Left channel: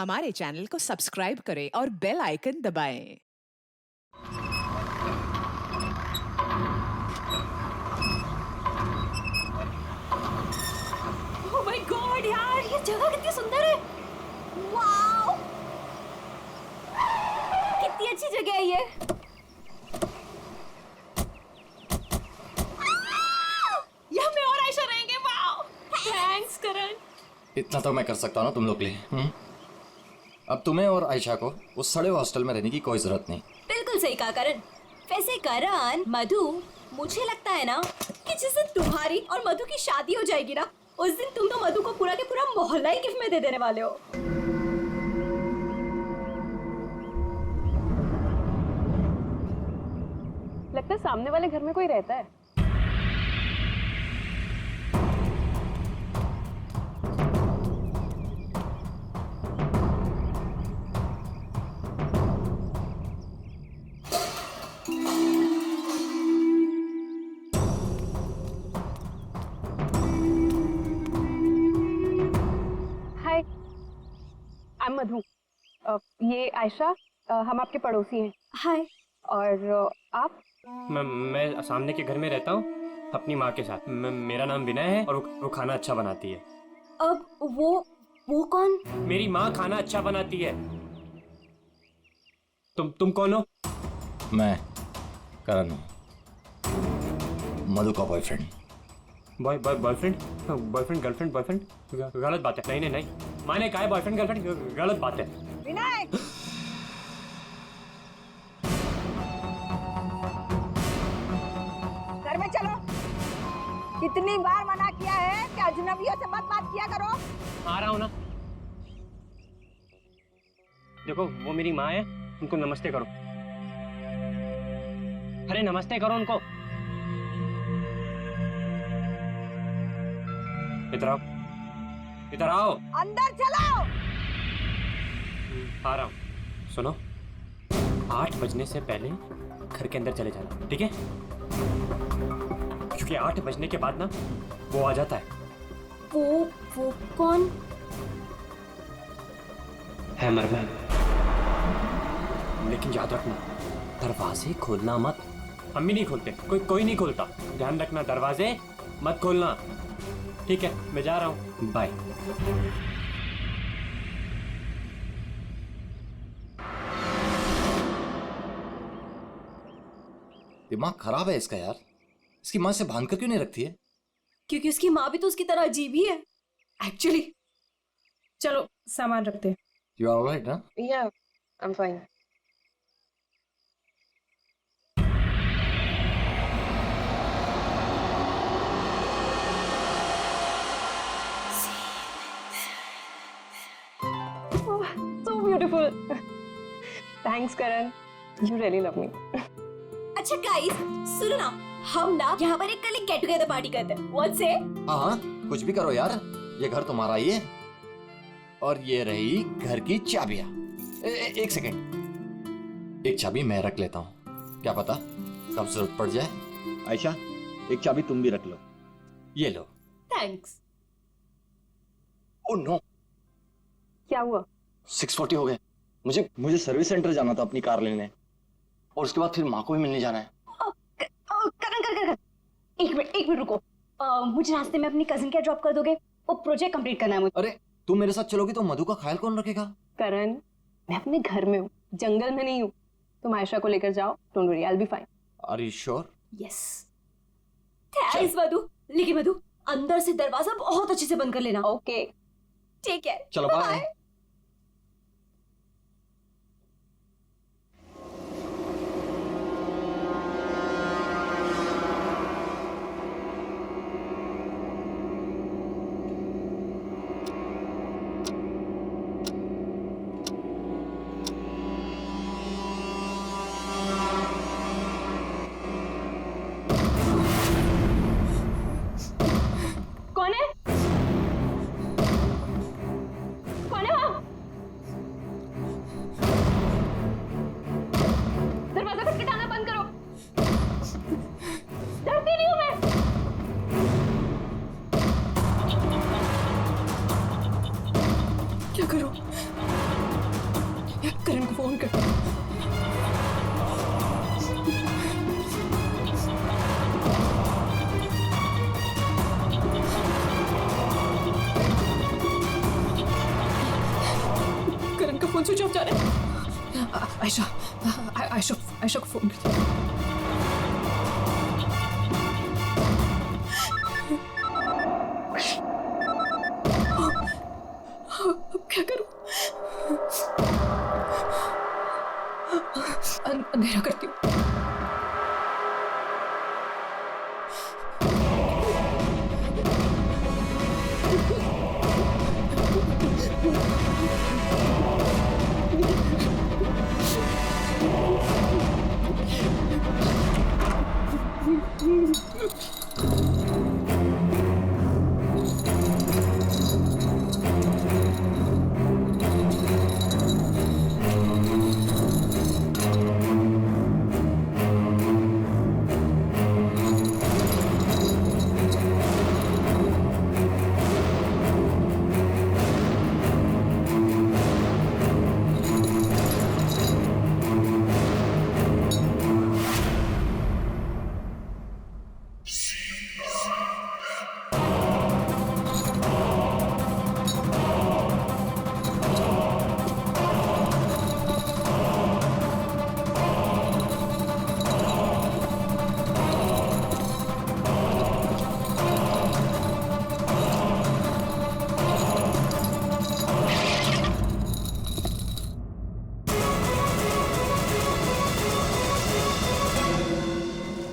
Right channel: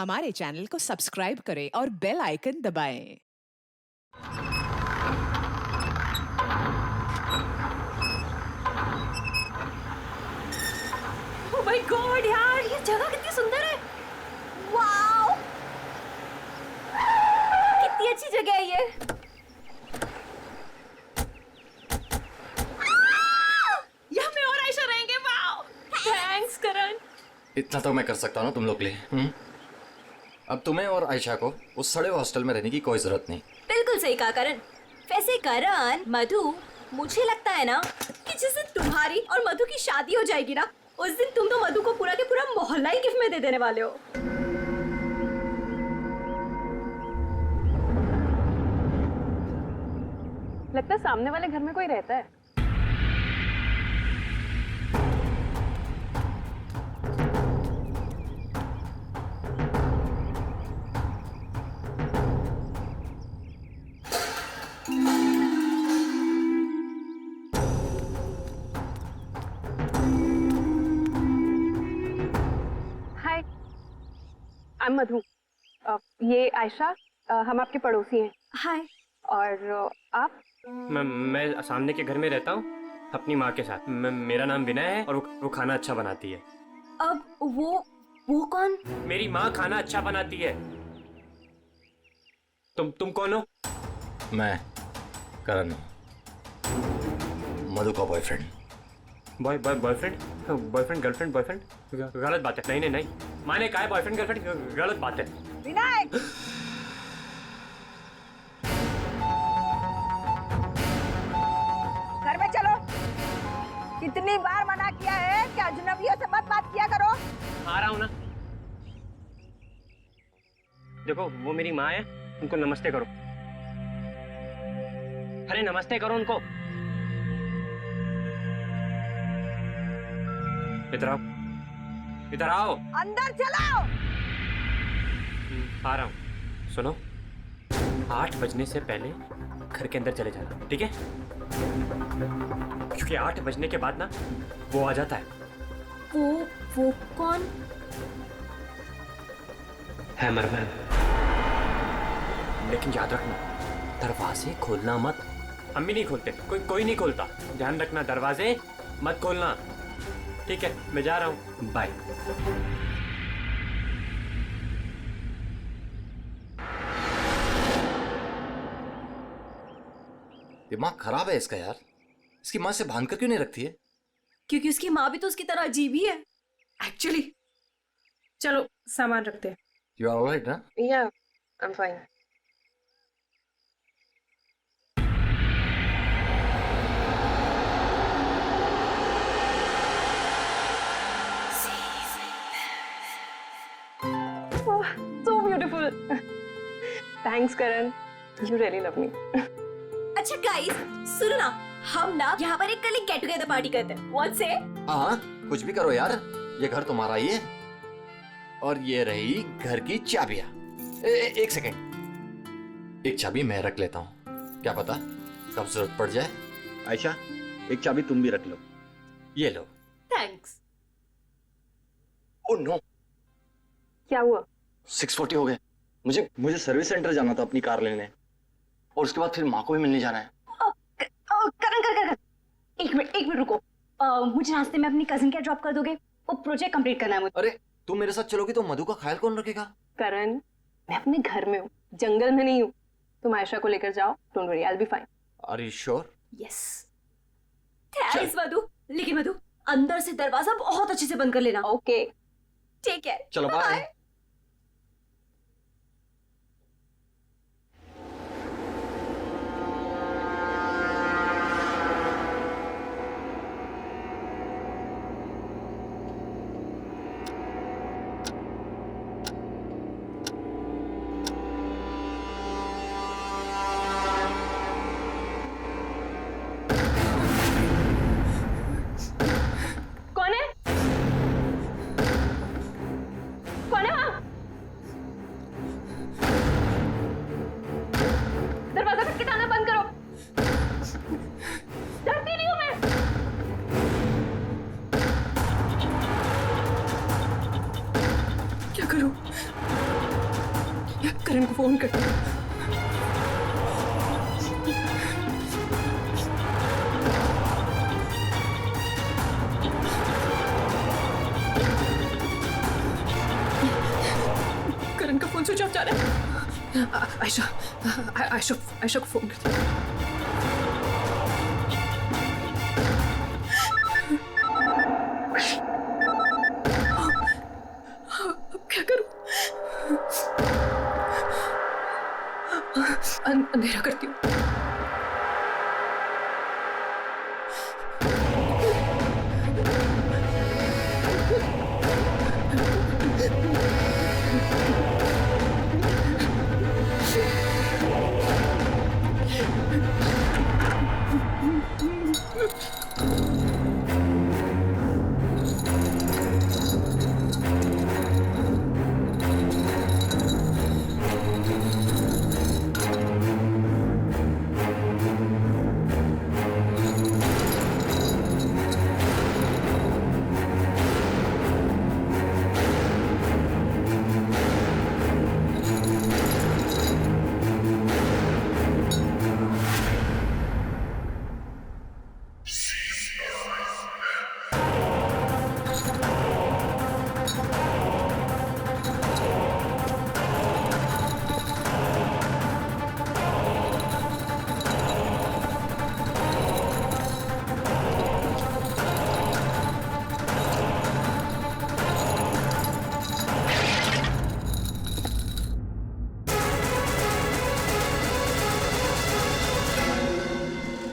हमारे चैनल को सब्सक्राइब करें और बेल आइकन दबाएं। ओह माय गॉड यार, ये जगह कितनी सुंदर है। वाओ, कितनी अच्छी जगह है ये। यहाँ मैं और आयशा रहेंगे। वाओ, थैंक्स करण। इतना तो मैं कर सकता हूँ ना तुम लोग के लिए। अब तुम्हें और आयशा को उस सड़े हॉस्टल में रहने की कोई जरूरत नहीं। बिल्कुल सही कहा करण। वैसे करण, मधु, मुझे लगता है ना कि जिस दिन तुम्हारी और मधु की शादी हो जाएगी ना, उस दिन तुम तो मधु को पूरा के पूरा मोहल्ला ही गिफ्ट में दे देने वाले हो। लगता है सामने वाले घर में कोई रहता है। हाय, आई एम मधु। ये आयशा, हम आपके पड़ोसी हैं। हाय। और आप? मैं सामने के घर में रहता हूँ अपनी माँ के साथ। मेरा नाम विनय है और वो खाना अच्छा बनाती है। अब वो कौन? मेरी माँ खाना अच्छा बनाती है। तुम कौन हो? मैं करण हूँ, मधु का बॉयफ्रेंड। बॉयफ्रेंड गर्लफ्रेंड बॉयफ्रेंड गलत बात है। नहीं, मैंने कहा है बॉयफ्रेंड गर्लफ्रेंड, गलत बात है। विनय, घर में चलो। कितनी बार मना किया है कि अजनबियों से मत बात किया करो। आ रहा हूँ ना। देखो, वो मेरी माँ है, उनको नमस्ते करो। अरे नमस्ते करो उनको। इधर आओ, इधर आओ। अंदर चलो। आ रहा हूँ। सुनो, 8 बजने से पहले घर के अंदर चले जाना, ठीक है? क्योंकि 8 बजने के बाद ना वो आ जाता है। वो कौन? हैमरमैन। लेकिन याद रखना, दरवाजे खोलना मत। हम भी नहीं खोलते, कोई नहीं खोलता। ध्यान रखना, दरवाजे मत खोलना, ठीक है? मैं जा रहा हूँ, बाय। दिमाग खराब है इसका यार। इसकी माँ से बांध कर क्यों नहीं रखती है? क्योंकि उसकी माँ भी तो उसकी तरह अजीब ही है एक्चुअली। चलो सामान रखते हैं। यू आर ऑलराइट ना? या, I am fine. So beautiful. Thanks Karan, you really love me. अच्छा गाइस, सुनो ना, हम ना यहाँ पर एक कल गेट टुगेदर पार्टी करते हैं। What say? हाँ, कुछ भी करो यार, ये घर तुम्हारा ही है। और ये रही घर की चाबियां। एक सेकेंड, एक चाबी मैं रख लेता हूँ, क्या पता कब जरूरत पड़ जाए। आयशा, एक चाबी तुम भी रख लो। ये लो। Thanks. ओह नो, क्या हुआ? 6:40 हो गए। मुझे सर्विस सेंटर जाना था अपनी कार लेने, और उसके बाद फिर माँ को भी मिलने जाना है। करण, एक मिनट रुको। मुझे रास्ते में अपनी कजिन क्या ड्रॉप कर दोगे? वो प्रोजेक्ट कंप्लीट करना है मुझे। अरे तुम मेरे साथ चलोगी तो मधु का ख्याल कौन रखेगा? करण, मैं अपने घर में हूँ, जंगल में नहीं हूँ। तुम आयशा को लेकर जाओ, don't worry, I will be fine. Are you sure? Yes. Thanks Madhu. लेकिन मधु, अंदर से दरवाजा बहुत अच्छे से बंद कर लेना। ओके। ठीक है, चलो बाय। कौन है? कौन है वहाँ? दरवाजा खटखटाना बंद करो। डरती नहीं हूँ मैं। क्या करूं? करण को फोन कर। करण का फोन स्विच ऑफ जा रहा है। आयशा को फोन करती हूँ। अब क्या करूं? अंधेरा करती हूँ।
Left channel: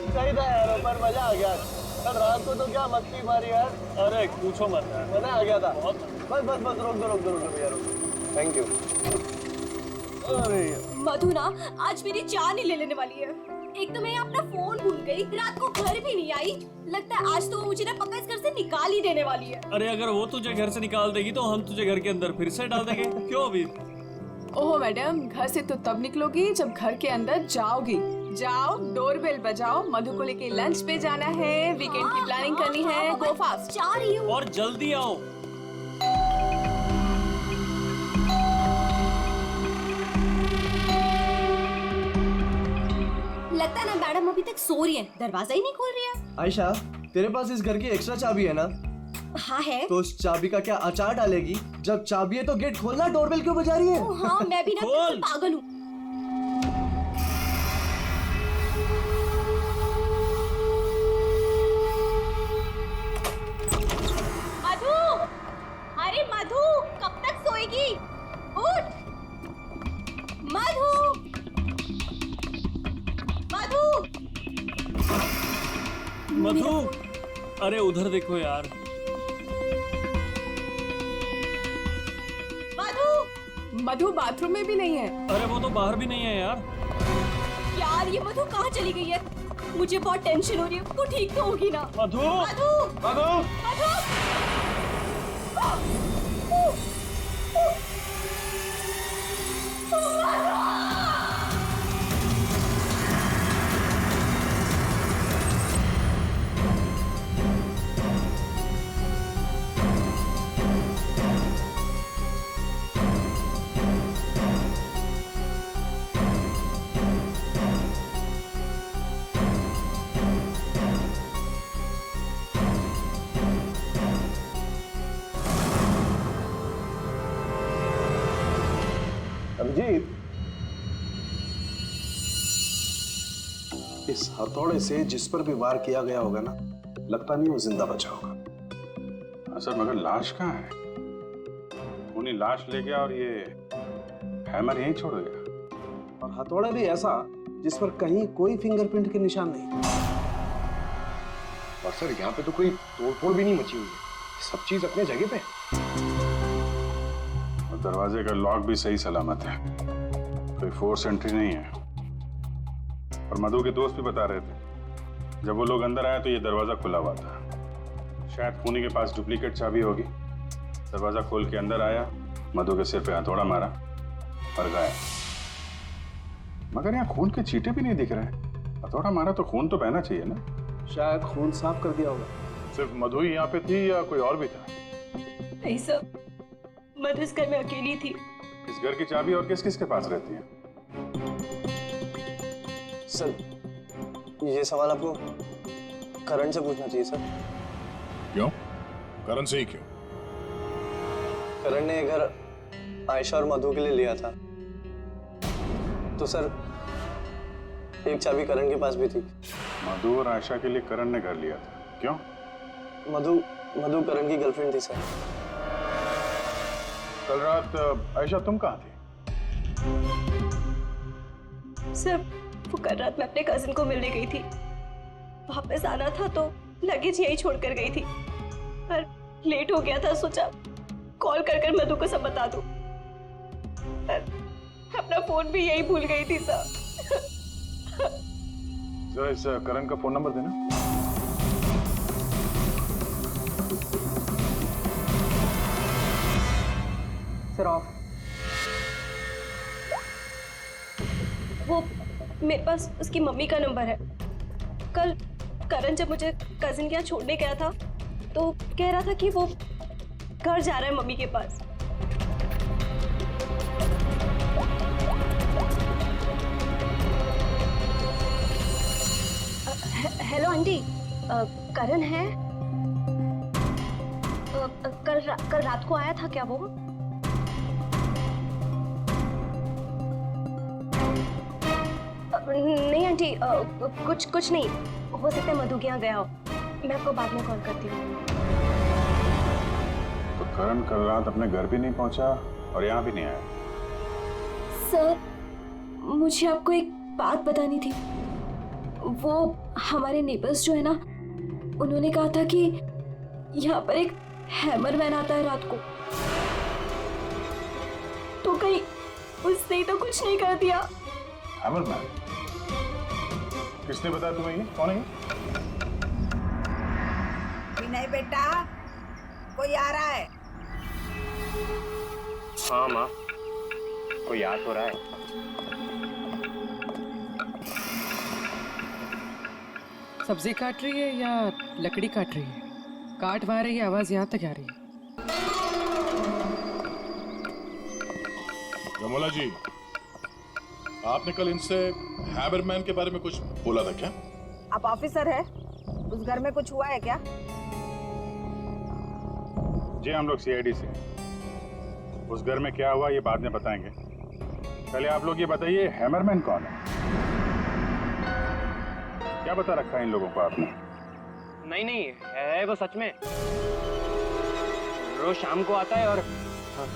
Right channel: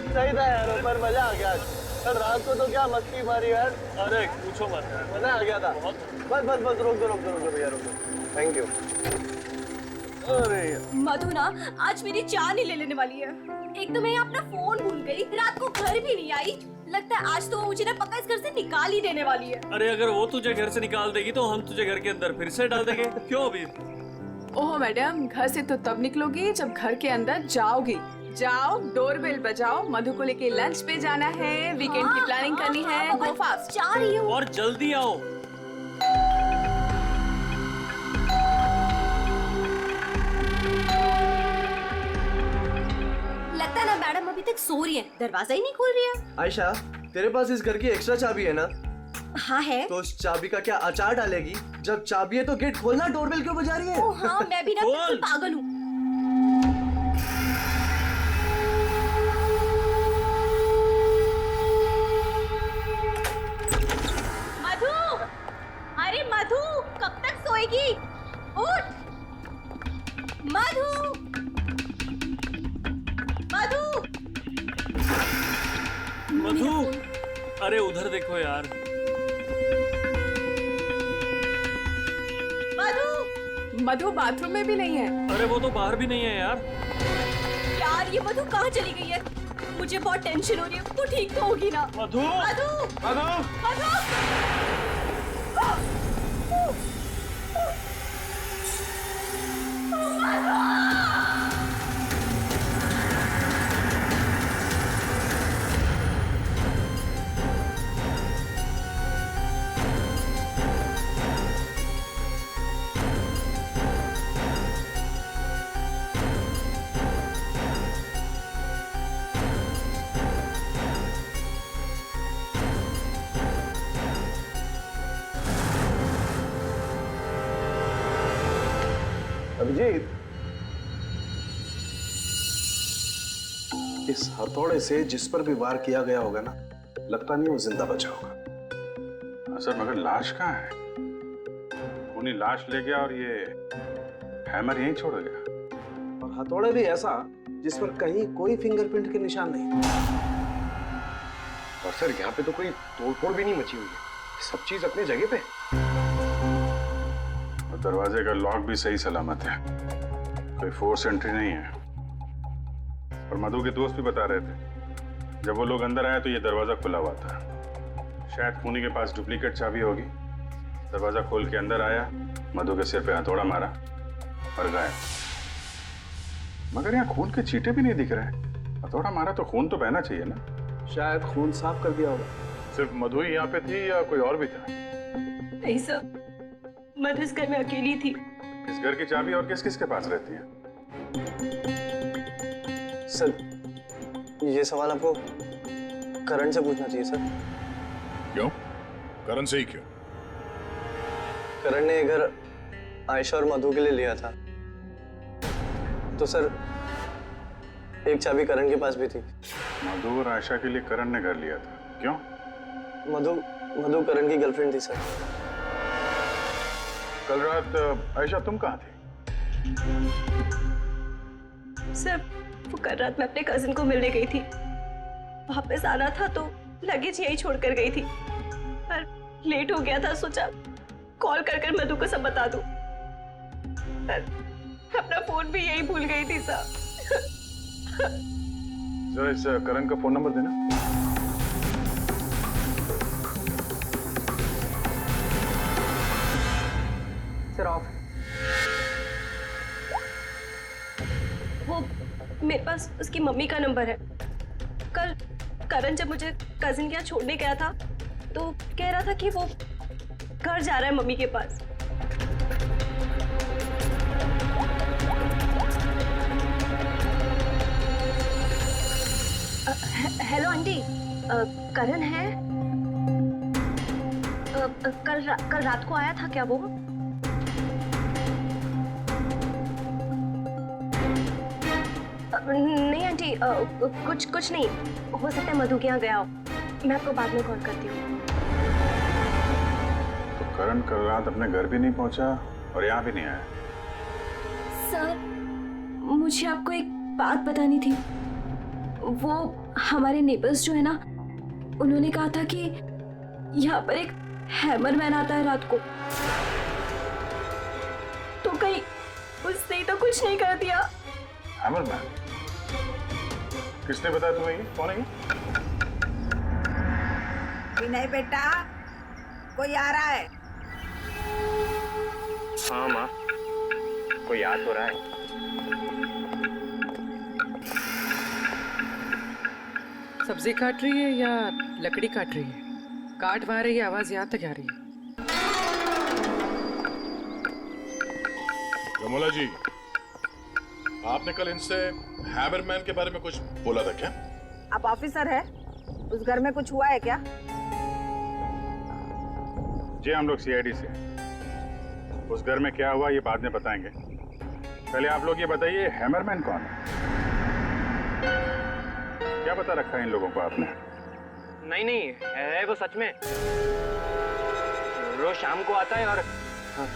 सही था यार, पर मजा आ गया। कल रात को तो क्या मस्ती मारी यार। अरे पूछो मत यार, मजा आ गया था बहुत। बस रोक दो भैया, रोक दो। Thank you. अरे मधु ना आज मेरी जान ही ले लेने वाली है। एक तो मैं अपना फोन भूल गई, रात को घर भी नहीं आई। लगता है आज तो वो मुझे ना पक्का इस घर से निकाल ही देने वाली है। अरे अगर वो तुझे घर से निकाल देगी तो हम तुझे घर के अंदर फिर से डाल देंगे। क्यों अभी? ओहो मैडम, घर से तो तब निकलोगी जब घर के अंदर जाओगी। जाओ, डोरबेल बजाओ, मधु को लेके लंच पे जाना है, वीकेंड की प्लानिंग करनी है। गो फास्ट। जा रही हूँ। और जल्दी आओ। लगता है ना मैडम अभी तक सो रही है, दरवाजा ही नहीं खोल रही है। आयशा, तेरे पास इस घर की एक्स्ट्रा चाबी है ना? हाँ है। तो उस चाबी का क्या अचार डालेगी? जब चाबी है तो गेट खोलना, डोरबेल क्यों बजा रही है? ओ हाँ, मैं भी ना बिल्कुल पागल हूँ। मधु, अरे मधु, कब तक सोएगी? उठ, मधु, मधु, मधु, अरे उधर देखो यार। मधु बाथरूम में भी नहीं है। अरे वो तो बाहर भी नहीं है यार। यार ये मधु कहाँ चली गई है? मुझे बहुत टेंशन हो रही है। तू ठीक तो होगी ना? मधु, मधु, मधु, मधु, अभिजीत, इस हथौड़े से जिस पर भी वार किया गया होगा ना, लगता नहीं वो जिंदा बचा होगा। सर मगर लाश कहाँ है? खूनी लाश ले गया और ये हैमर यहीं छोड़ गया। और हथौड़ा भी ऐसा जिस पर कहीं कोई फिंगरप्रिंट के निशान नहीं। और सर यहाँ पे तो कोई तोड़फोड़ भी नहीं मची हुई है, सब चीज अपने जगह पे। और दरवाजे का लॉक भी सही सलामत है, कोई फोर्स एंट्री नहीं है। और मधु के दोस्त भी बता रहे थे जब वो लोग अंदर आए तो ये दरवाजा खुला हुआ था। शायद खूनी के पास डुप्लीकेट चाबी होगी। दरवाजा खोल के अंदर आया, मधु के सिर पे हथौड़ा मारा और गायब। मगर यहाँ खून के चीटे भी नहीं दिख रहे हैं। हथौड़ा मारा तो खून तो बहना चाहिए ना। शायद खून साफ कर दिया होगा। सिर्फ मधु ही यहाँ पे थी या कोई और भी था? नहीं सर, मधु इस घर में अकेली थी। इस घर की चाबी और किस किस के पास रहती है? सर, ये सवाल आपको करण से पूछना चाहिए सर। क्यों? करण से ही क्यों? करण ने ये घर आयशा और मधु के लिए लिया था, तो सर एक चाबी करण के पास भी थी। मधु और आयशा के लिए करण ने घर लिया था, क्यों? मधु करण की गर्लफ्रेंड थी सर। कल रात आयशा तुम कहाँ थी? सर वो कल रात मैं अपने कजिन को मिलने गई थी, वापस आना था तो लगेज यही छोड़कर गई थी, पर लेट हो गया था, सोचा कॉल कर मधु को सब बता दूं, पर अपना फोन भी यही भूल गई थी सर। जरा इस करण का फोन नंबर देना। Sir of. वो मेरे पास उसकी मम्मी का नंबर है। कल करण जब मुझे कजिन के यहाँ छोड़ने गया था तो कह रहा था कि वो घर जा रहा है मम्मी के पास। हेलो आंटी, करण है? कल रात को आया था क्या वो? नहीं आंटी, कुछ नहीं, हो सकता है मधु के यहाँ गया हो। मैं आपको बाद में कॉल करती हूँ। तो करण कल रात अपने घर भी नहीं पहुंचा और यहाँ भी नहीं आया। सर मुझे आपको एक बात बतानी थी। वो हमारे नेबर्स जो है ना, उन्होंने कहा था कि यहाँ पर एक हैमरमैन आता है रात को, तो कहीं उसने ही तो कुछ नहीं कर दिया। हैमरमैन? किसने बताया तुम्हें ये? कौन है ये? विनय बेटा, कोई आ रहा है? हाँ माँ, कोई याद हो रहा है। सब्जी काट रही है या लकड़ी काट रही है? काट वहां रही है, आवाज यहाँ तक आ रही है। रमोला जी, आपने कल इनसे हैमरमैन के बारे में कुछ बोला था क्या? आप ऑफिसर है, उस घर में कुछ हुआ है क्या? जी हम लोग सीआईडी से। उस घर में क्या हुआ ये बाद में बताएंगे। पहले आप लोग ये बताइए, हैमरमैन कौन है? क्या बता रखा है इन लोगों को आपने? नहीं, है वो सच में। रोज शाम को आता है और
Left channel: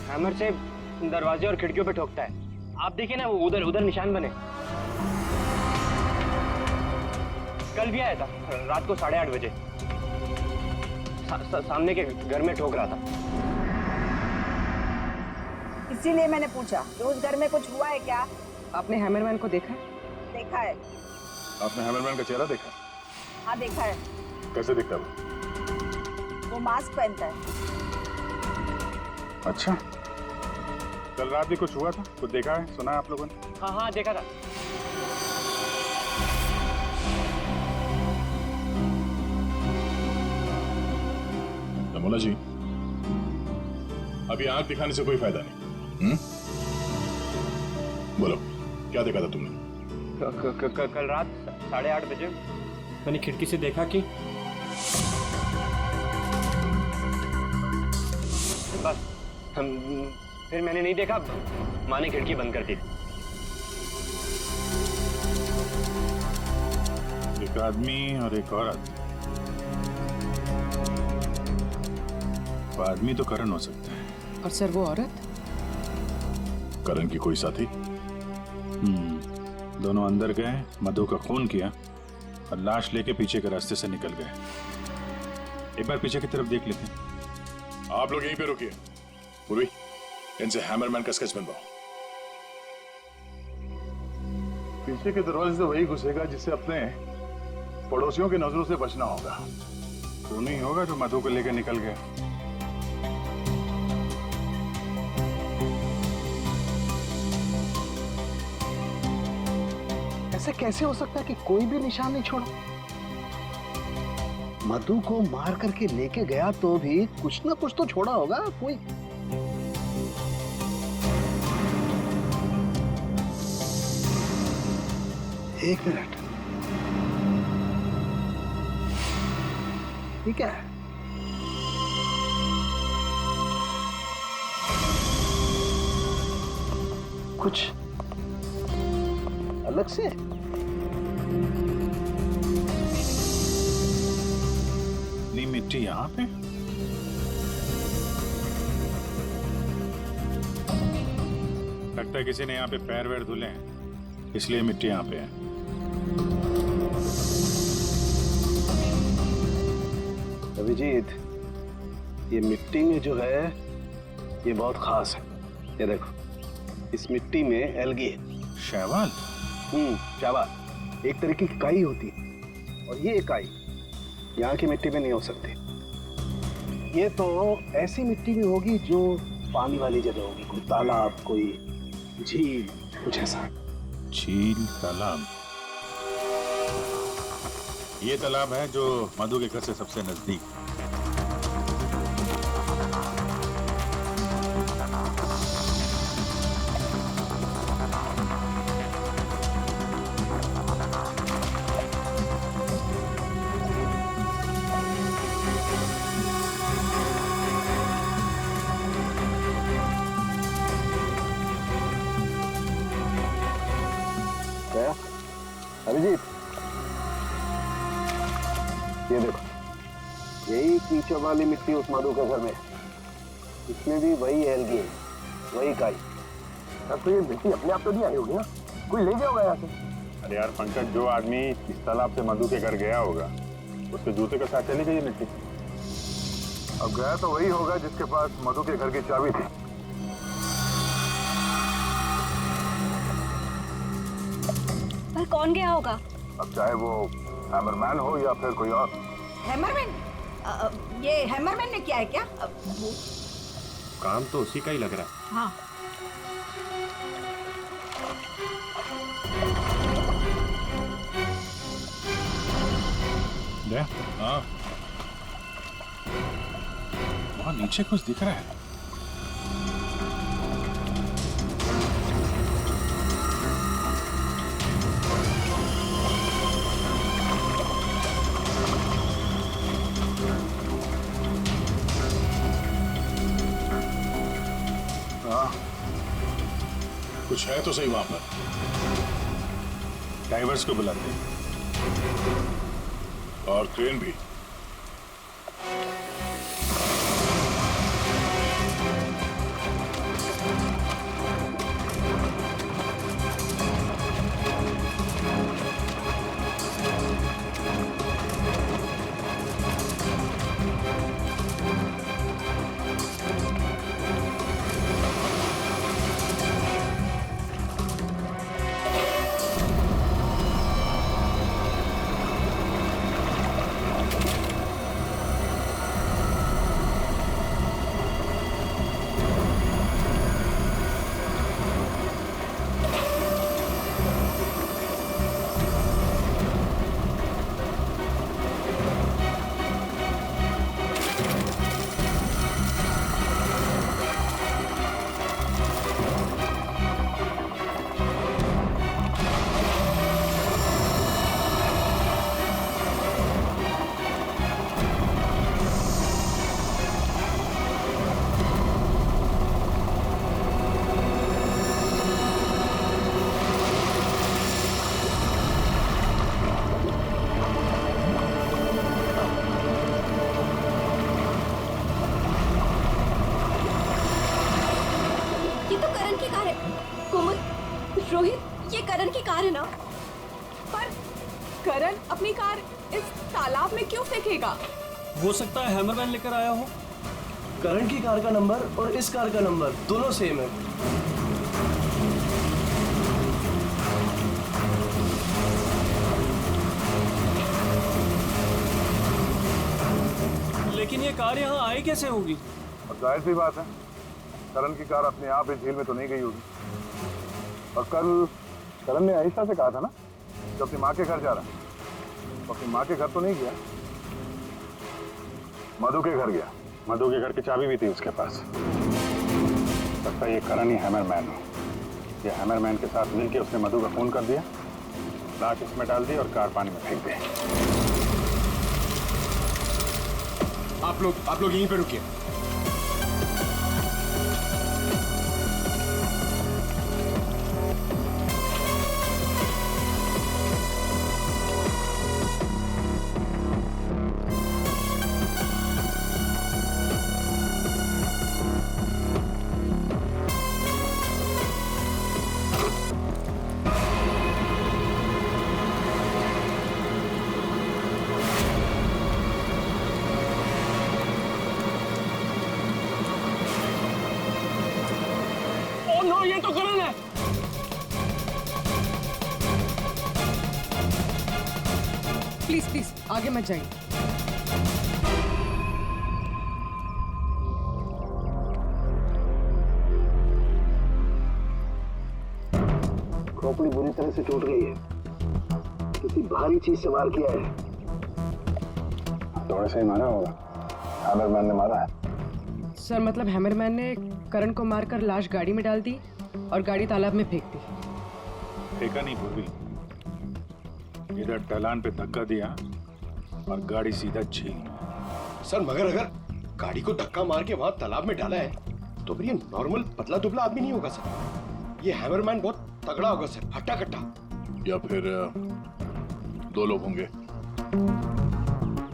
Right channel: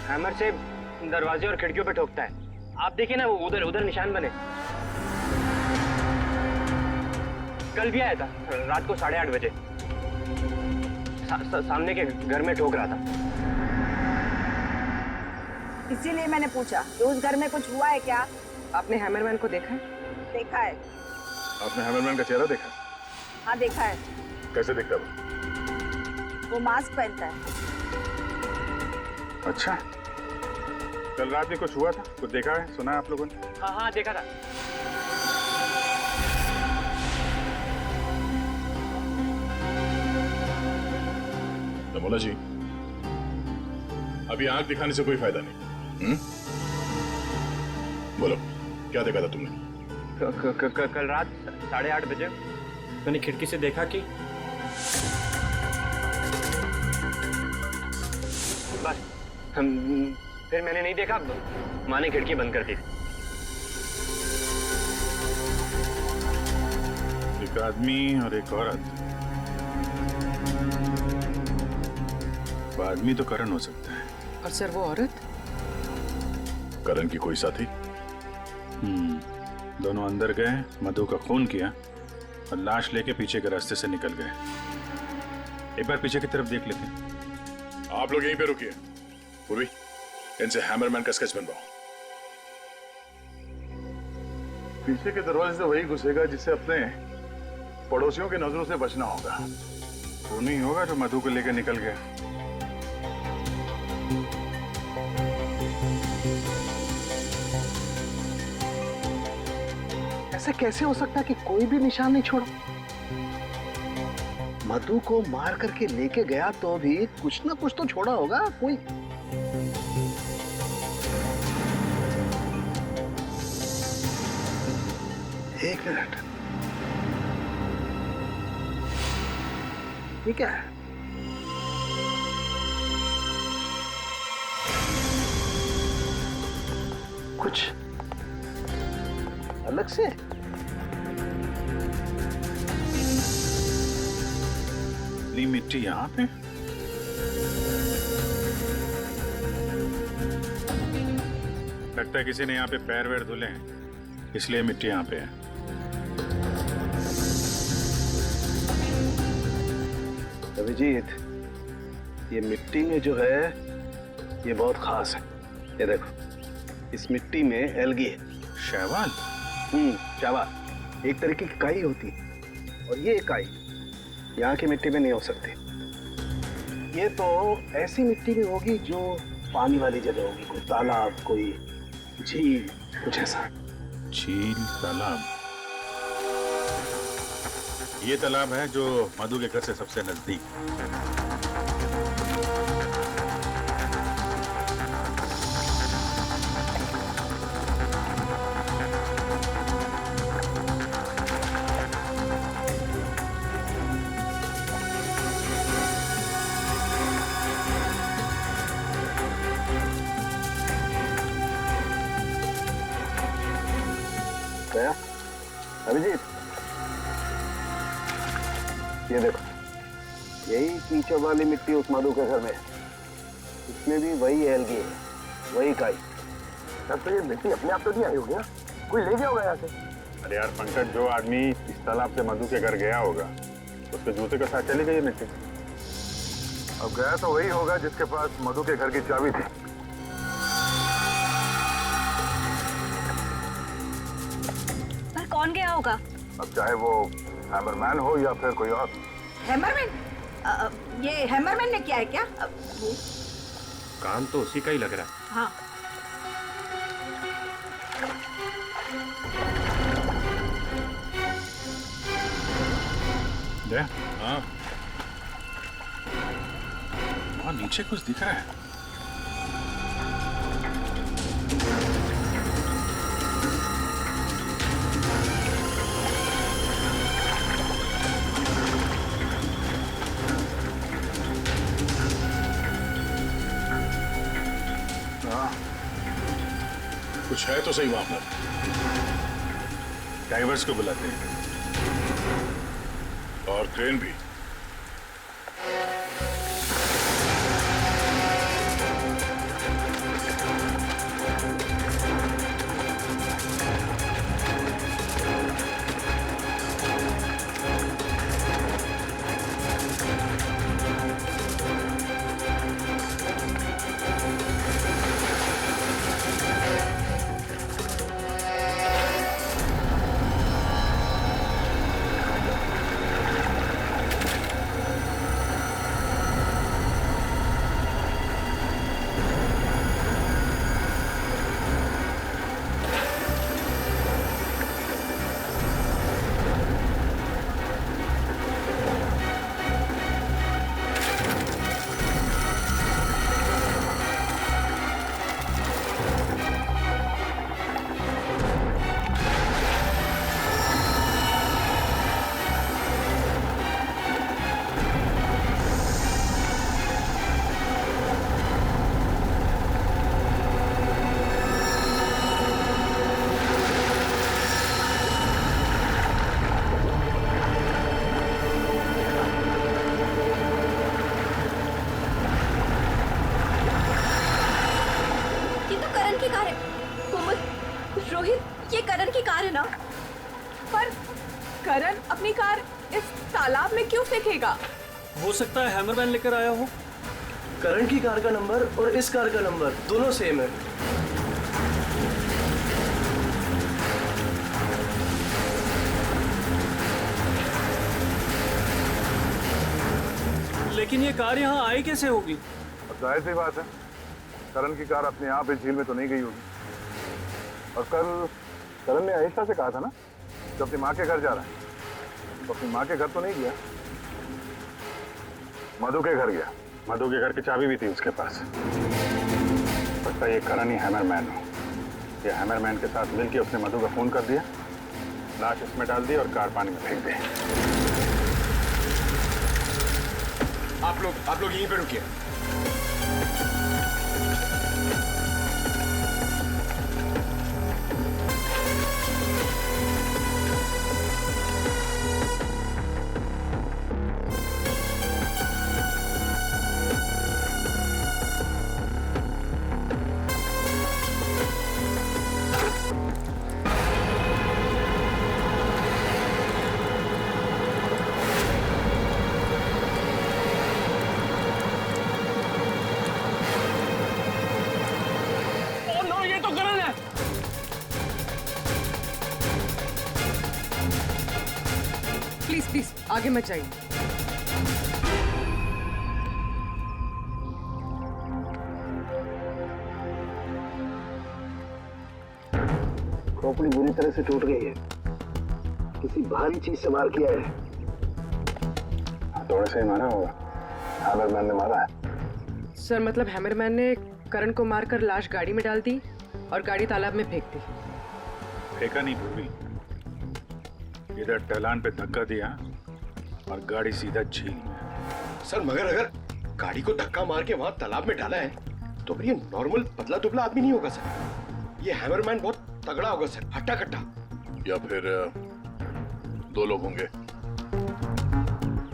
हैमर से दरवाजे और खिड़कियों पे ठोकता है। आप देखिए ना, वो उधर निशान बने। कल भी आया था रात को 8:30 बजे। सामने के घर में ठोक रहा था। इसीलिए मैंने पूछा कि उस घर में कुछ हुआ है क्या? आपने हैमरमैन को देखा है? देखा है। आपने हैमरमैन का चेहरा देखा? हाँ देखा है। कैसे दिखता है वो मास्क पहनता है। अच्छा, कल रात भी कुछ हुआ था? कुछ देखा है, सुना है आप लोगों ने? हाँ देखा था। रमोला जी, अभी आंख दिखाने से कोई फायदा नहीं। बोलो, क्या देखा था तुमने? कल रात 8:30 बजे मैंने खिड़की से देखा कि बस फिर मैंने नहीं देखा। माँ ने खिड़की बंद कर दी। एक आदमी और एक औरत। वो आदमी तो करण हो सकता है। और सर वो औरत? करण की कोई साथी? दोनों अंदर गए, मधु का खून किया और लाश लेके पीछे के रास्ते से निकल गए। एक बार पीछे की तरफ देख लेते हैं। आप लोग यहीं पे रुकिए। पूर्वी, इनसे हैमरमैन का स्केच बनवाओ। पीछे के दरवाजे से वही घुसेगा जिससे अपने पड़ोसियों की नजरों से बचना होगा। वो नहीं होगा जो मधु को लेकर निकल गया। ऐसे कैसे हो सकता है कि कोई भी निशान नहीं छोड़ा? मधु को मार करके लेके गया तो भी कुछ ना कुछ तो छोड़ा होगा कोई। एक मिनट, ये क्या है? कुछ अलग से? नी मिट्टी यहाँ पे? लगता है किसी ने यहाँ पे पैर वैर धुले हैं, इसलिए मिट्टी यहाँ पे है। अभिजीत, ये मिट्टी में जो है ये बहुत खास है। ये देखो, इस मिट्टी में एल्गी है। शैवाल? शैवाल एक तरीके की काई होती है, और ये काई यहाँ की मिट्टी में नहीं हो सकती। ये तो ऐसी मिट्टी में होगी जो पानी वाली जगह होगी, कोई तालाब, कोई झील, कुछ ऐसा। झील, तालाब? ये तालाब है जो मधु के घर से सबसे नजदीक। गया अभिजीत, ये देखो, यही कीचड़ वाली मिट्टी उस मधु के घर में है। इसमें भी वही एल्गी है, वही काई। तब तो ये मिट्टी अपने आप तो नहीं आई होगी ना, कोई ले गया होगा यहाँ से। अरे यार पंकज, जो आदमी इस तालाब से मधु के घर गया होगा उसके जूते के साथ चली गई मिट्टी। अब गया तो वही होगा जिसके पास मधु के घर की चाबी थी। पर कौन गया होगा? अब चाहे वो हैमरमैन हो या फिर कोई और। हैमरमैन? ये हैमरमैन ने किया है क्या? काम तो उसी का ही लग रहा है। हाँ। हाँ, वहाँ नीचे कुछ दिख रहा है। कुछ है तो सही वहां पर। डाइवर्स को बुलाते हैं और क्रेन भी। रोहित, ये करण की कार है ना? पर करण अपनी कार इस तालाब में क्यों फेंकेगा? हो सकता है हैमरमैन लेकर आया हो। करण की कार का नंबर और इस कार का नंबर दोनों सेम है। लेकिन ये कार यहाँ आई कैसे होगी? अब जाहिर सी बात है, करण की कार अपने आप इस झील में तो नहीं गई होगी। और कल करण ने आयशा से कहा था ना कि अपनी माँ के घर जा रहा है, तो अपनी माँ के घर तो नहीं गया, मधु के घर गया। मधु के घर की चाबी भी थी उसके पास। लगता है ये करण ही हैमरमैन हो। ये हैमरमैन के साथ मिलके उसने मधु का खून कर दिया लाश इसमें डाल दी और कार पानी में फेंक दी। आप लोग यहीं पे रुकिए। नो, ये तो करण है। प्लीज प्लीज आगे मत जाइए। खोपड़ी बुरी तरह से टूट गई है। किसी भारी चीज से मार किया है। हथौड़े से ही मारा होगा। हैमरमैन ने मारा है। सर मतलब हैमरमैन ने करण को मारकर लाश गाड़ी में डाल दी और गाड़ी तालाब में फेंक दी। फेंका नहीं पूर्वी, इधर ढलान पे धक्का दिया और गाड़ी सीधा झील में। सर मगर अगर गाड़ी को धक्का मार के वहां तालाब में डाला है तो फिर ये नॉर्मल पतला दुबला आदमी नहीं होगा सर। ये हैमरमैन बहुत तगड़ा होगा सर, हट्टा कट्टा। या फिर दो लोग होंगे।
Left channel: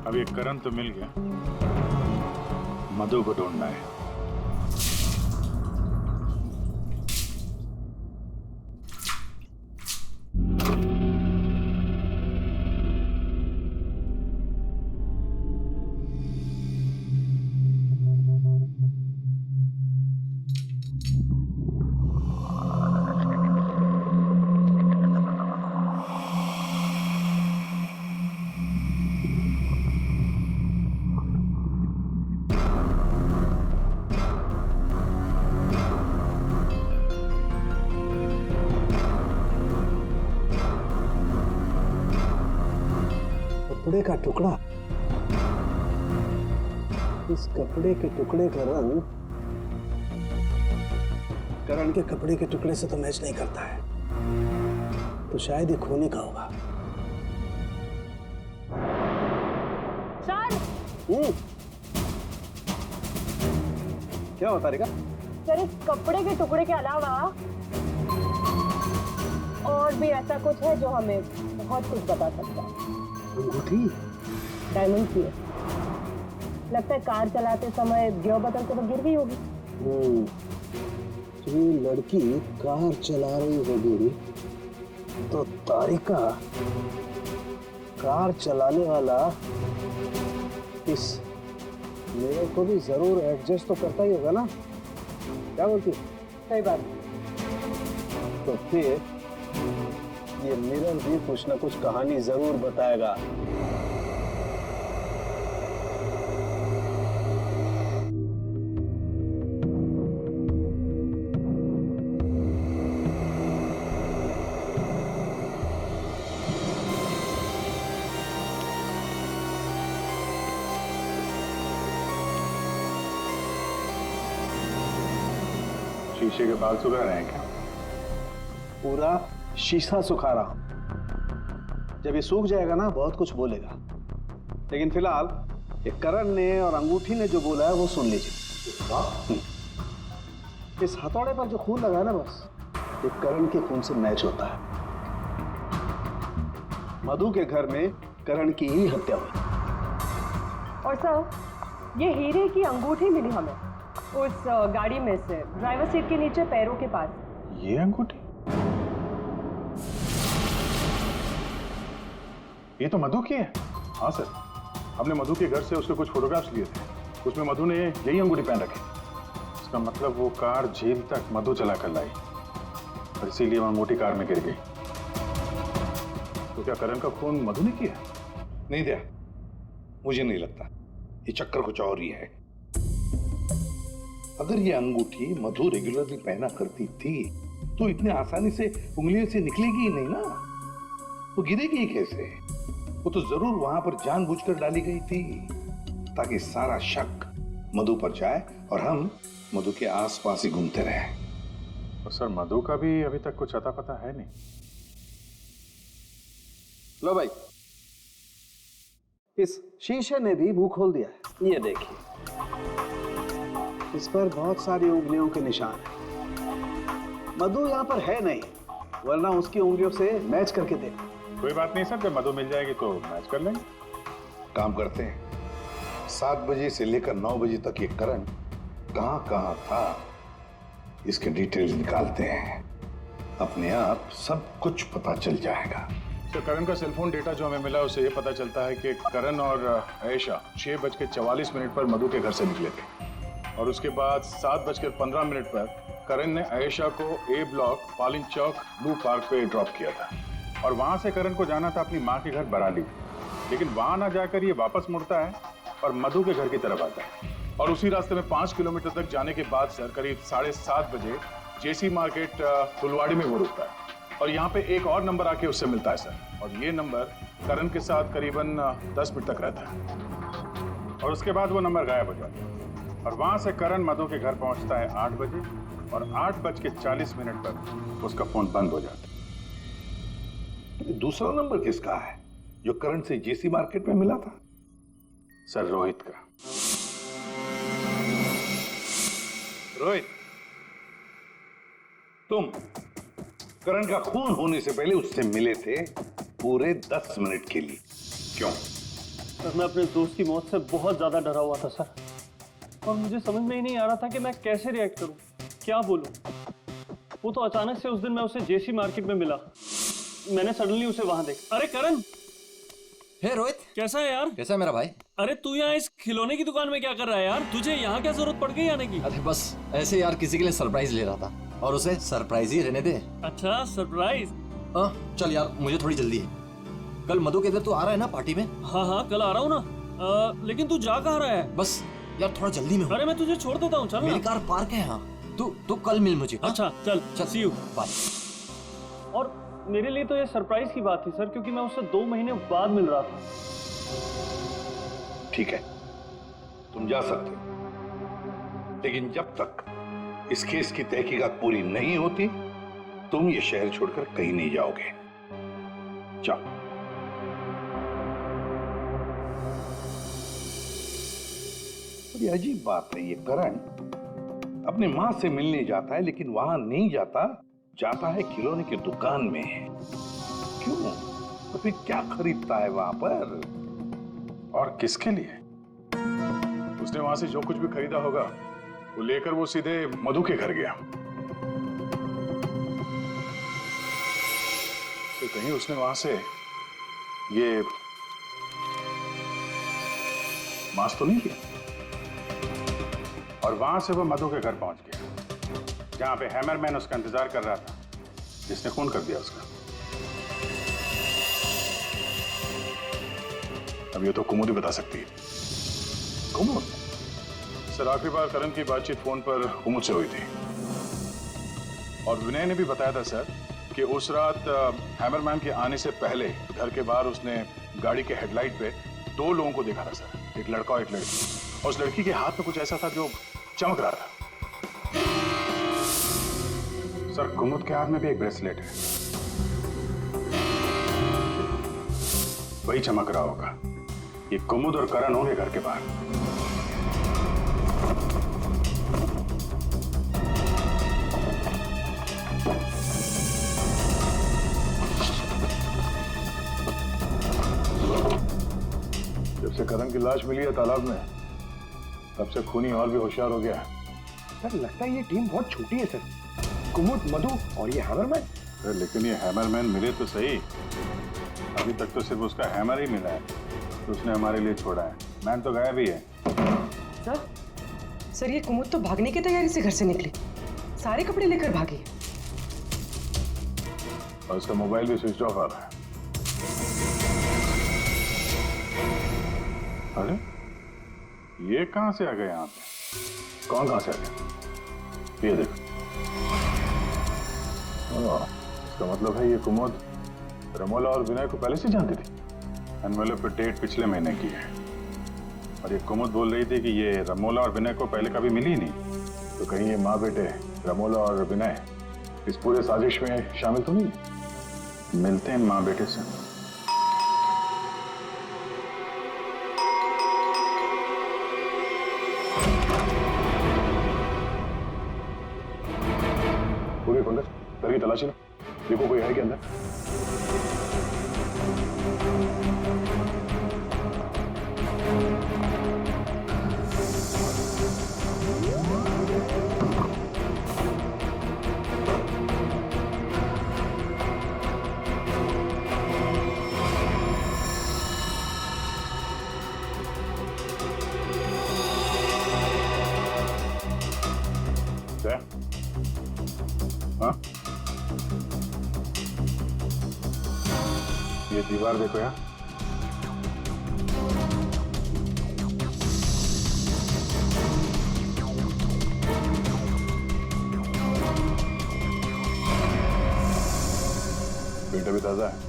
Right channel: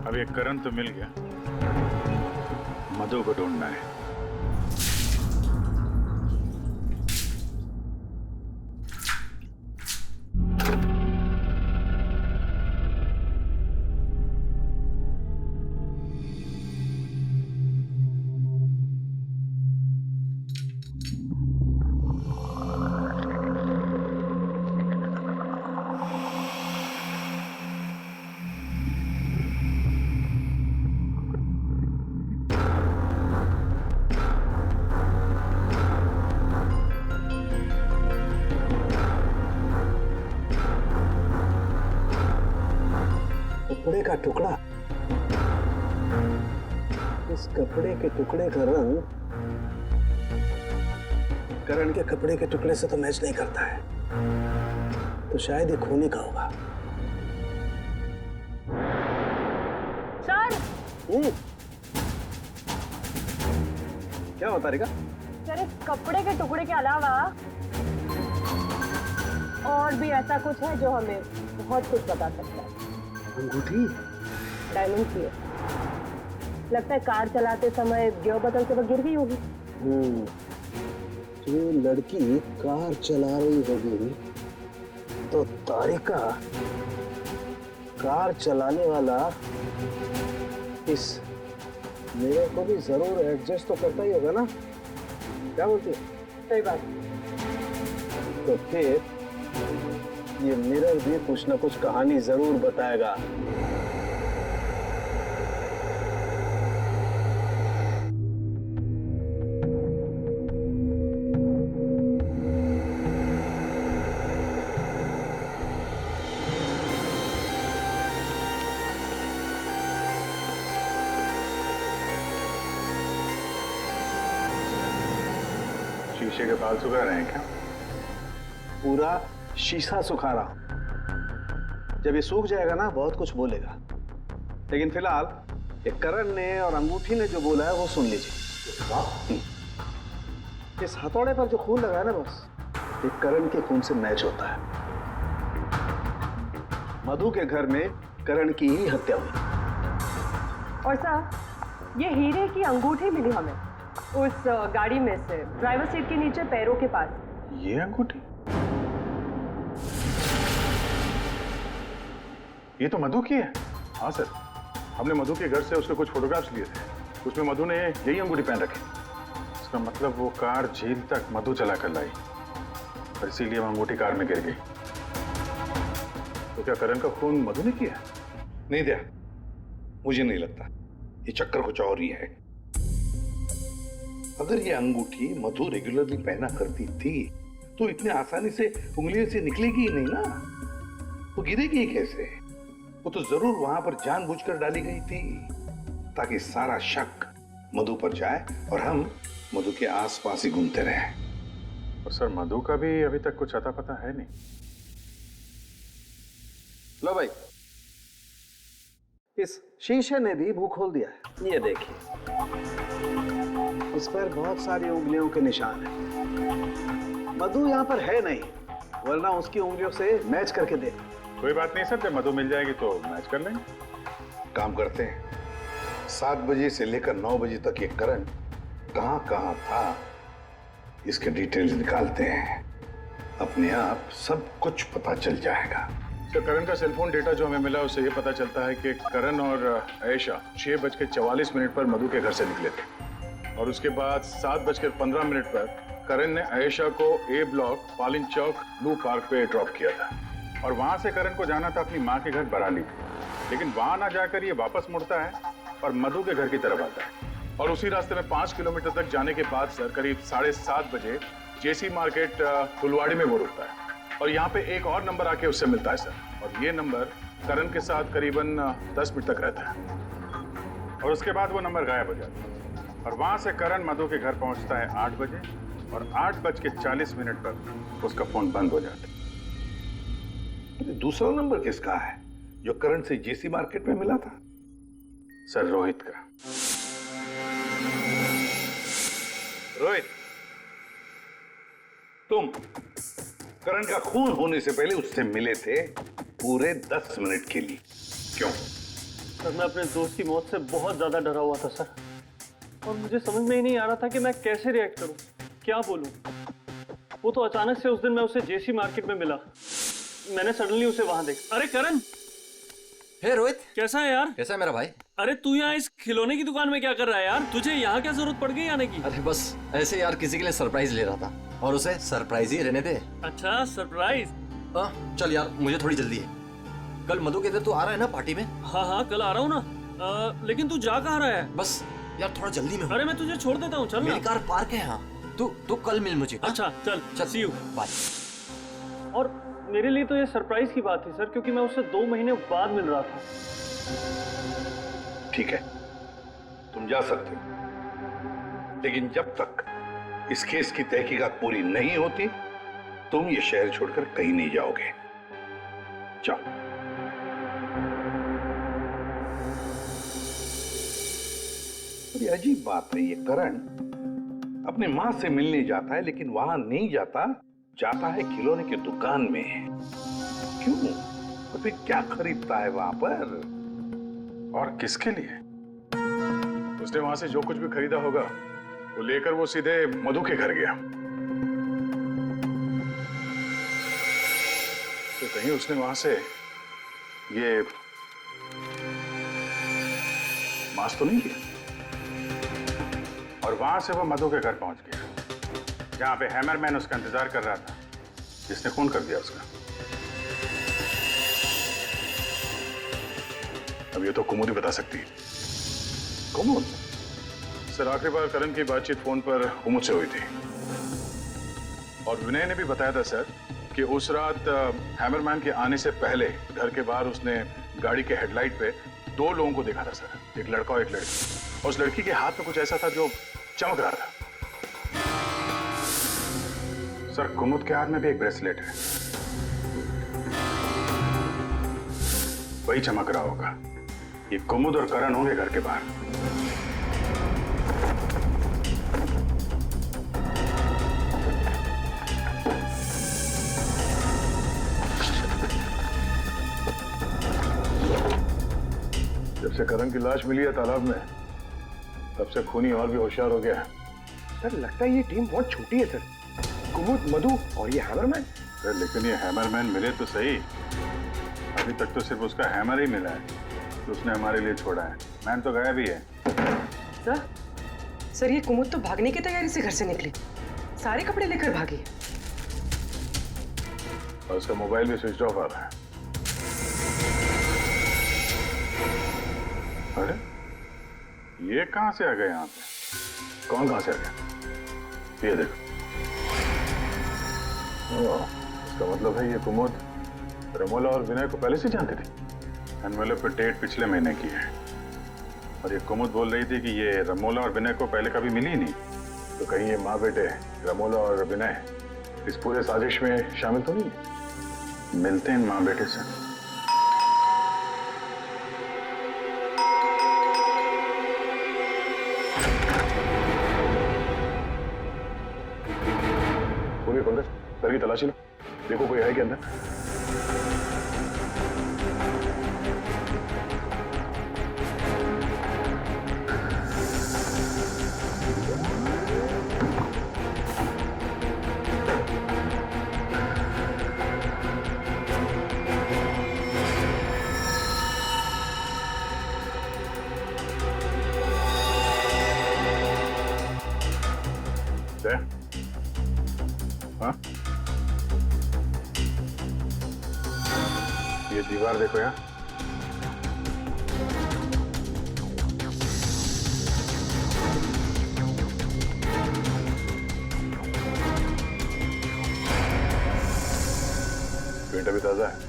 अब ये करण तो मिल गया, मधु को ढूंढना है। कपड़े का टुकड़ा। इस कपड़े के टुकड़े का रंग करण के कपड़े के टुकड़े से तो मैच नहीं करता है, तो शायद ये खूनी का होगा। सर क्या होता रिका? सर इस कपड़े के टुकड़े के अलावा और भी ऐसा कुछ है जो हमें बहुत कुछ बता सकता है। अंगूठी डायमंड की है। लगता है कार चलाते समय गियर बदलते वक्त गिर गई होगी। तो ये लड़की कार चला रही होगी तो तारिका कार चलाने वाला इस मिरर को भी जरूर एडजस्ट तो करता ही होगा ना? क्या बोलती है? सही बात। तो फिर ये मिरर भी कुछ ना कुछ कहानी जरूर बताएगा। शीशे के बाल सुखा रहे हैं क्या? पूरा शीशा सुखा रहा हूं। जब ये सूख जाएगा ना बहुत कुछ बोलेगा, लेकिन फिलहाल ये करण ने और अंगूठी ने जो बोला है वो सुन लीजिए। इस हथौड़े पर जो खून लगा है ना, बस ये करण के खून से मैच होता है। मधु के घर में करण की ही हत्या हुई। और सर ये हीरे की अंगूठी मिली हमें उस गाड़ी में से, ड्राइवर सीट के नीचे पैरों के पास। ये अंगूठी? ये तो मधु की है। हाँ सर, हमने मधु के घर से उसके कुछ फोटोग्राफ्स लिए थे, उसमें मधु ने यही अंगूठी पहन रखी। इसका मतलब वो कार झील तक मधु चला कर लाई और इसीलिए वो अंगूठी कार में गिर गई। तो क्या करण का खून मधु ने किया? नहीं दिया, मुझे नहीं लगता। ये चक्कर कुछ और ही है। अगर ये अंगूठी मधु रेगुलरली पहना करती थी तो इतने आसानी से उंगलियों से निकलेगी ही नहीं ना। वो गिरेगी कैसे? वो तो जरूर वहां पर जानबूझकर डाली गई थी ताकि सारा शक मधु पर जाए और हम मधु के आसपास ही घूमते रहे। और सर मधु का भी अभी तक कुछ अता पता है नहीं। लो भाई, इस शीशे ने भी मुंह खोल दिया है। ये देखिए, इस पर बहुत सारी उंगलियों के निशान हैं। मधु यहाँ पर है नहीं, वरना उसकी उंगलियों से मैच करके दे। कोई बात नहीं सर, जब मधु मिल जाएगी तो मैच कर लेंगे। काम करते हैं, 7 बजे से लेकर 9 बजे तक ये करण कहाँ कहाँ था, इसके डिटेल्स निकालते हैं। अपने आप सब कुछ पता चल जाएगा। तो करण का सेलफोन डेटा जो हमें मिला उससे ये पता चलता है कि करण और आयशा 6:44 पर मधु के घर से निकले थे और उसके बाद 7:15 पर करण ने आयशा को ए ब्लॉक पालिन चौक ब्लू पार्क पे ड्रॉप किया था और वहां से करण को जाना था अपनी माँ के घर बराली, लेकिन वहां ना जाकर ये वापस मुड़ता है और मधु के घर की तरफ आता है और उसी रास्ते में 5 किलोमीटर तक जाने के बाद सर करीब 7:30 बजे जेसी मार्केट फुलवाड़ी में वो रुकता है और यहाँ पे एक और नंबर आके उससे मिलता है सर, और ये नंबर करण के साथ करीबन 10 मिनट तक रहता है और उसके बाद वो नंबर गायब हो जाता है और वहां से करण मधु के घर पहुंचता है 8 बजे और 8:40 पर उसका फोन बंद हो जाता है। दूसरा नंबर किसका है जो करण से जेसी मार्केट में मिला था? सर रोहित का। रोहित, तुम करण का खून होने से पहले उससे मिले थे पूरे 10 मिनट के लिए, क्यों? सर मैं अपने दोस्त की मौत से बहुत ज्यादा डरा हुआ था सर, और मुझे समझ में ही नहीं आ रहा था कि मैं कैसे रिएक्ट करूं, क्या बोलूं। वो तो अचानक से उस दिन मैं उसे जेसी मार्केट में मिला, मैंने सडनली उसे वहां देखा। अरे करण, हे रोहित, कैसा है यार? कैसा है मेरा भाई? अरे तू यहाँ इस खिलौने की दुकान में क्या कर रहा है यार? तुझे यहाँ क्या जरूरत पड़ गई आने की? अरे बस ऐसे यार, किसी के लिए सरप्राइज ले रहा था और उसे सरप्राइज ही रहने दे। अच्छा सरप्राइज? चल यार, मुझे थोड़ी जल्दी है। कल मधु के इधर तू आ रहा है ना पार्टी में? हाँ कल आ रहा हूँ ना, लेकिन तू जा कहाँ रहा है? बस यार थोड़ा जल्दी में हूँ। अरे मैं तुझे छोड़ देता हूँ, चल मेरी कार पार्क है यहाँ, तू कल मिल मुझे। अच्छा चल, सी यू, बाय। और मेरे लिए तो ये सरप्राइज की बात थी सर, क्योंकि मैं उससे 2 महीने बाद मिल रहा था। ठीक है, तुम जा सकते हो, लेकिन जब तक इस केस की तहकीकात पूरी नहीं होती तुम ये शहर छोड़कर कहीं नहीं जाओगे। जाओ। बड़ी अजीब बात है, ये करण अपनी मां से मिलने जाता है लेकिन वहां नहीं जाता है खिलौने की दुकान में। क्यों? तो फिर क्या खरीदता है वहां पर और किसके लिए? उसने वहां से जो कुछ भी खरीदा होगा वो लेकर वो सीधे मधु के घर गया। तो कहीं उसने वहां से ये मास्क तो नहीं लिया? और वहां से वो मधु के घर पहुंच गया जहां पे हैमरमैन उसका इंतजार कर रहा था, जिसने खून कर दिया उसका। अब ये तो कुमुद ही बता सकती है। कुमुद? सर आखिरी बार करण की बातचीत फोन पर कुमुद से हुई थी और विनय ने भी बताया था सर कि उस रात हैमरमैन के आने से पहले घर के बाहर उसने गाड़ी के हेडलाइट पे 2 लोगों को देखा था सर, एक लड़का और एक लड़की, और उस लड़की के हाथ में कुछ ऐसा था जो चमक रहा था। सर कुमुद के हाथ में भी एक ब्रेसलेट है, वही चमक रहा होगा। ये कुमुद और करण होंगे घर के बाहर। जब से करण की लाश मिली है तालाब में, तब से खूनी और भी होशियार हो गया है। सर लगता है ये टीम बहुत छोटी है सर, कुमुद, मधु और ये हैमरमैन। सर लेकिन ये हैमरमैन मिले तो सही, अभी तक तो सिर्फ उसका हैमर ही मिला है तो उसने हमारे लिए छोड़ा है। मैन तो गायब ही है। सर ये कुमुद तो भागने की तैयारी से घर से निकली, सारे कपड़े लेकर भागी और उसका मोबाइल भी स्विच ऑफ आ रहा है। अरे ये कहां से आ गए यहाँ पे? कौन कहां से आ गया? ये देखो, इसका मतलब है ये कुमुद रमोला और विनय को पहले से जानती थी। एनवेलप पे डेट पिछले महीने की है और ये कुमुद बोल रही थी कि ये रमोला और विनय को पहले कभी मिली ही नहीं। तो कहीं ये माँ बेटे रमोला और विनय इस पूरे साजिश में शामिल तो नहीं है? मिलते हैं इन माँ बेटे से। वो भी पंकज, घर की तलाशी लो, देखो कोई है क्या अंदर। हाँ, ये दीवार देखो यार, पेंट अभी ताजा है।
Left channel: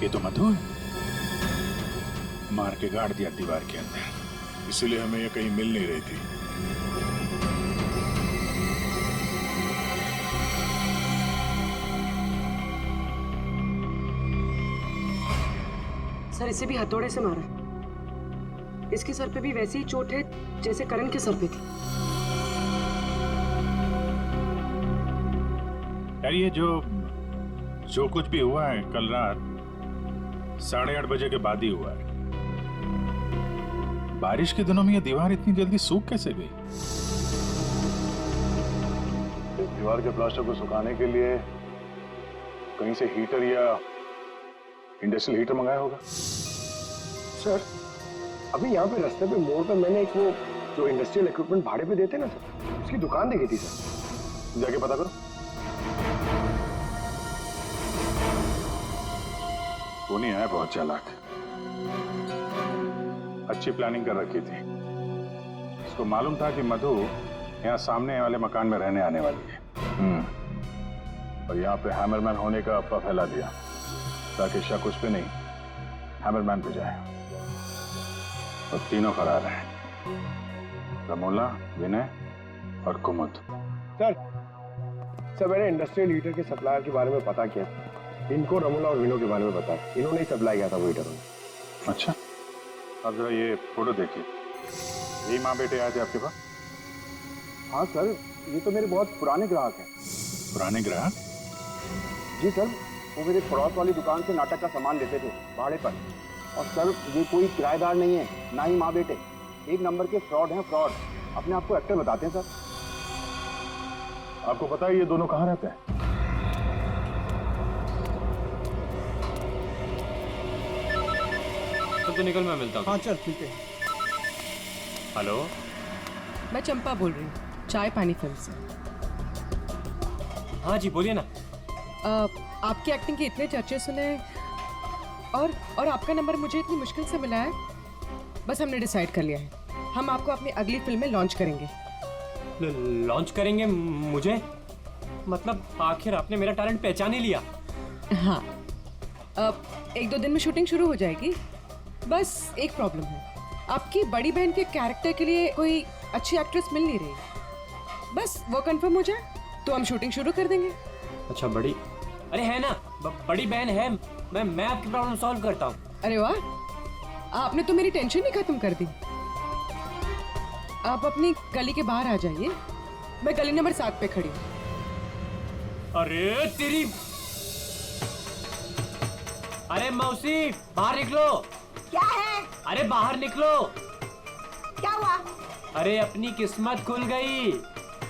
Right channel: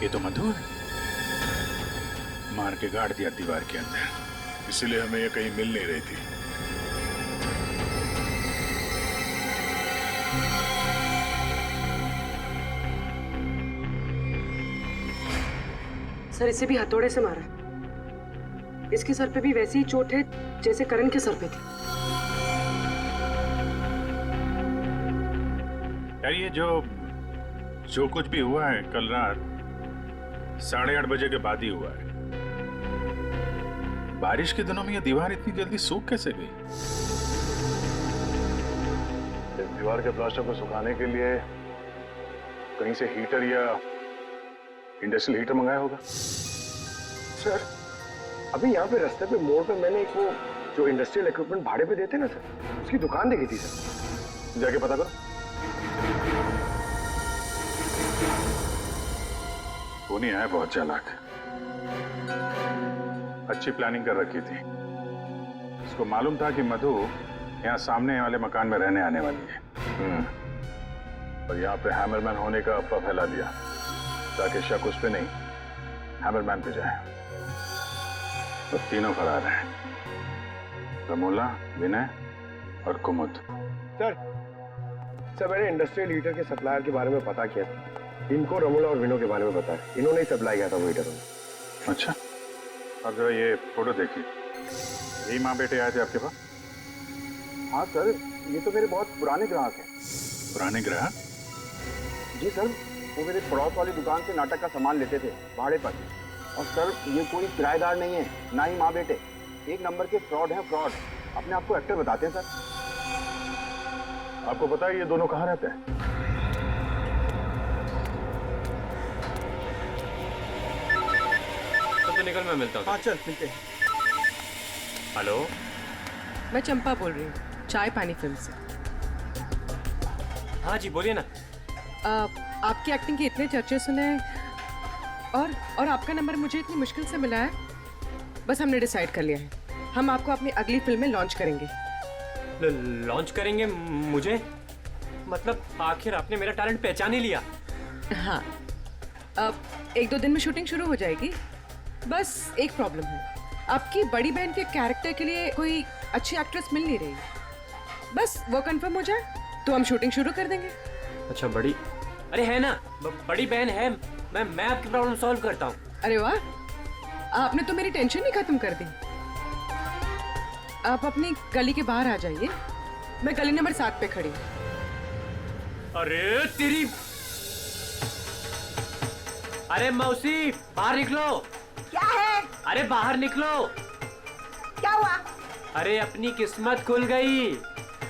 ये तो मधु है, मार के गाड़ दिया दीवार के अंदर, इसीलिए हमें ये कहीं मिल नहीं रही थी। सर इसे भी हथौड़े से मारा है। इसके सर पे भी वैसी ही चोट है जैसे करण के सर पे थी। यार ये जो कुछ भी हुआ है कल रात 8:30 बजे के बाद ही हुआ है। बारिश के दिनों में ये दीवार इतनी जल्दी सूख कैसे गई? दीवार के प्लास्टर को सुखाने के लिए कहीं से हीटर या इंडस्ट्रियल हीटर मंगाया होगा। सर अभी यहाँ पे रास्ते पे मोड़ पे मैंने एक वो जो इंडस्ट्रियल इक्विपमेंट भाड़े पे देते ना सर, उसकी दुकान देखी थी सर। जाके पता करो। टोनी है बहुत चालाक, अच्छी प्लानिंग कर रखी थी। उसको मालूम था कि मधु यहाँ सामने वाले मकान में रहने आने वाली है। और यहाँ पे हैमरमैन होने का अफवाह फैला दिया ताकि शक उस पे नहीं हैमरमैन पे जाए। और तीनों फरार हैं, रमोला, विनय और कुमुद। सर मैंने इंडस्ट्रियल हीटर के सप्लायर के बारे में पता किया। इनको रमोला और विनो के बारे में पता है, इन्होंने ही सप्लाई किया था वो हीटर। अच्छा, अब जरा ये फोटो देखिए, यही माँ बेटे आए थे आपके पास? हाँ सर, ये तो मेरे बहुत पुराने ग्राहक हैं। पुराने ग्राहक? जी सर, वो मेरे पड़ोस वाली दुकान से नाटक का सामान लेते थे भाड़े पर। और सर ये कोई किराएदार नहीं है, ना ही माँ बेटे, एक नंबर के फ्रॉड हैं, फ्रॉड। अपने आप को एक्टर बताते हैं सर। आपको पता है ये दोनों कहाँ रहते हैं? तो निकल, मैं मिलता हूँ। हाँ चल मिलते हैं। हेलो, मैं चंपा बोल रही हूँ, चाय पानी फिल्म से। हाँ जी बोलिए ना। आपकी एक्टिंग के इतने चर्चे सुने हैं और आपका नंबर मुझे इतनी मुश्किल से मिला है। बस हमने डिसाइड कर लिया है, हम आपको अपनी अगली फिल्म में लॉन्च करेंगे। लॉन्च करेंगे मुझे? मतलब आखिर आपने मेरा टैलेंट पहचान ही लिया? हाँ, अब 1-2 दिन में शूटिंग शुरू हो जाएगी। बस एक प्रॉब्लम है, आपकी बड़ी बहन के कैरेक्टर के लिए कोई अच्छी एक्ट्रेस मिल नहीं रही। बस वो कंफर्म हो जाए तो हम शूटिंग शुरू कर देंगे। अच्छा बड़ी, अरे है ना, बड़ी बहन है। मैं आपकी प्रॉब्लम सॉल्व करता हूँ। अरे वाह, आपने तो मेरी टेंशन ही खत्म कर दी। आप अपनी गली के बाहर आ जाइए, मैं गली नंबर 7 पे खड़ी हूँ। अरे तेरी, अरे मौसी बाहर निकलो। क्या है? अरे बाहर निकलो। क्या हुआ? अरे अपनी किस्मत खुल गई,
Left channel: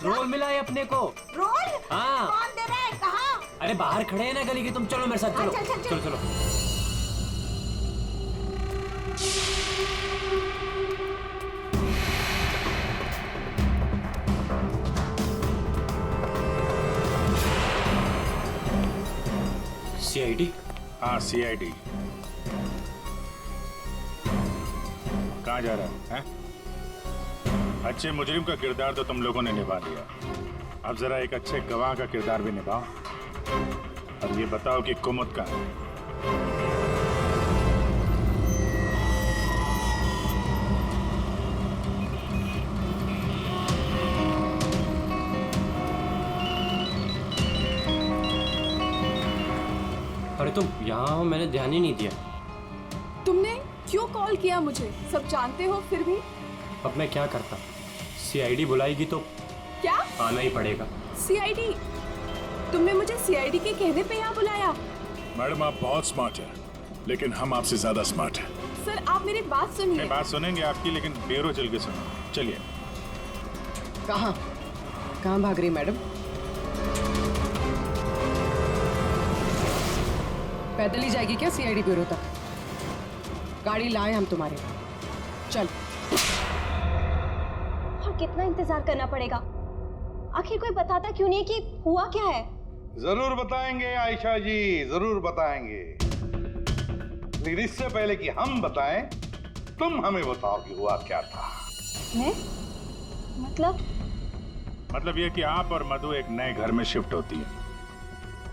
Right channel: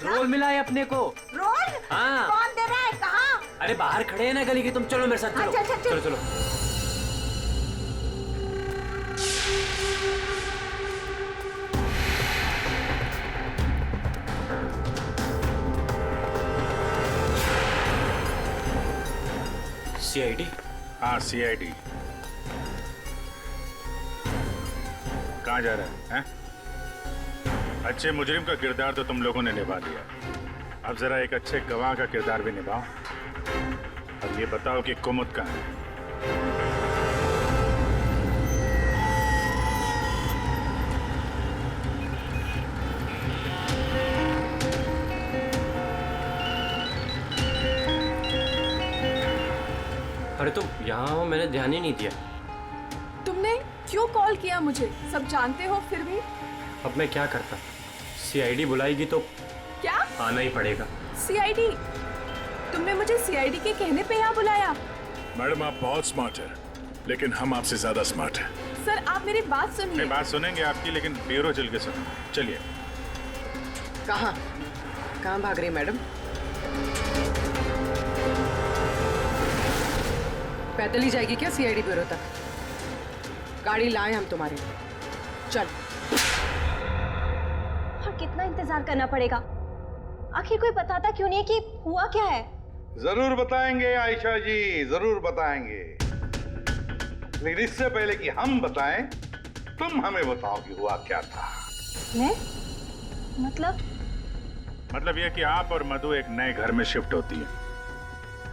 रोल मिला है अपने को। रोल? हाँ। कौन दे रहा है? कहाँ? अरे बाहर खड़े हैं ना गली के, तुम चलो मेरे साथ। चलो चल। चलो चलो। CID? हाँ CID। कहाँ जा रहा है? अच्छे मुजरिम का किरदार तो तुम लोगों ने निभा लिया, अब जरा एक अच्छे गवाह का किरदार भी निभाओ और ये बताओ कि कुमुद कहाँ है? अरे तुम यहाँ हो, मैंने ध्यान ही नहीं दिया। तुमने क्यों कॉल किया मुझे? सब जानते हो फिर भी। अब मैं क्या करता? सीआईडी बुलाएगी तो क्या आना ही पड़ेगा। सीआईडी? तुमने मुझे सीआईडी के कहने पे यहाँ बुलाया? मैडम आप बहुत स्मार्ट है, लेकिन हम आपसे ज्यादा स्मार्ट हैं। सर आप मेरी बात सुनिए। नहीं, बात सुनेंगे आपकी, लेकिन ब्यूरो चल के सुनो। चलिए। कहाँ भाग रही मैडम? पैदल ही जाएगी क्या सीआईडी ब्यूरो तक? गाड़ी लाए हम तुम्हारे लिए, चल। और कितना इंतजार करना पड़ेगा? आखिर कोई बताता क्यों नहीं कि हुआ क्या है? जरूर बताएंगे आयशा जी, जरूर बताएंगे, लेकिन इससे पहले कि हम बताएं, तुम हमें बताओ कि हुआ क्या था। मैं? मतलब ये कि आप और मधु एक नए घर में शिफ्ट होती है,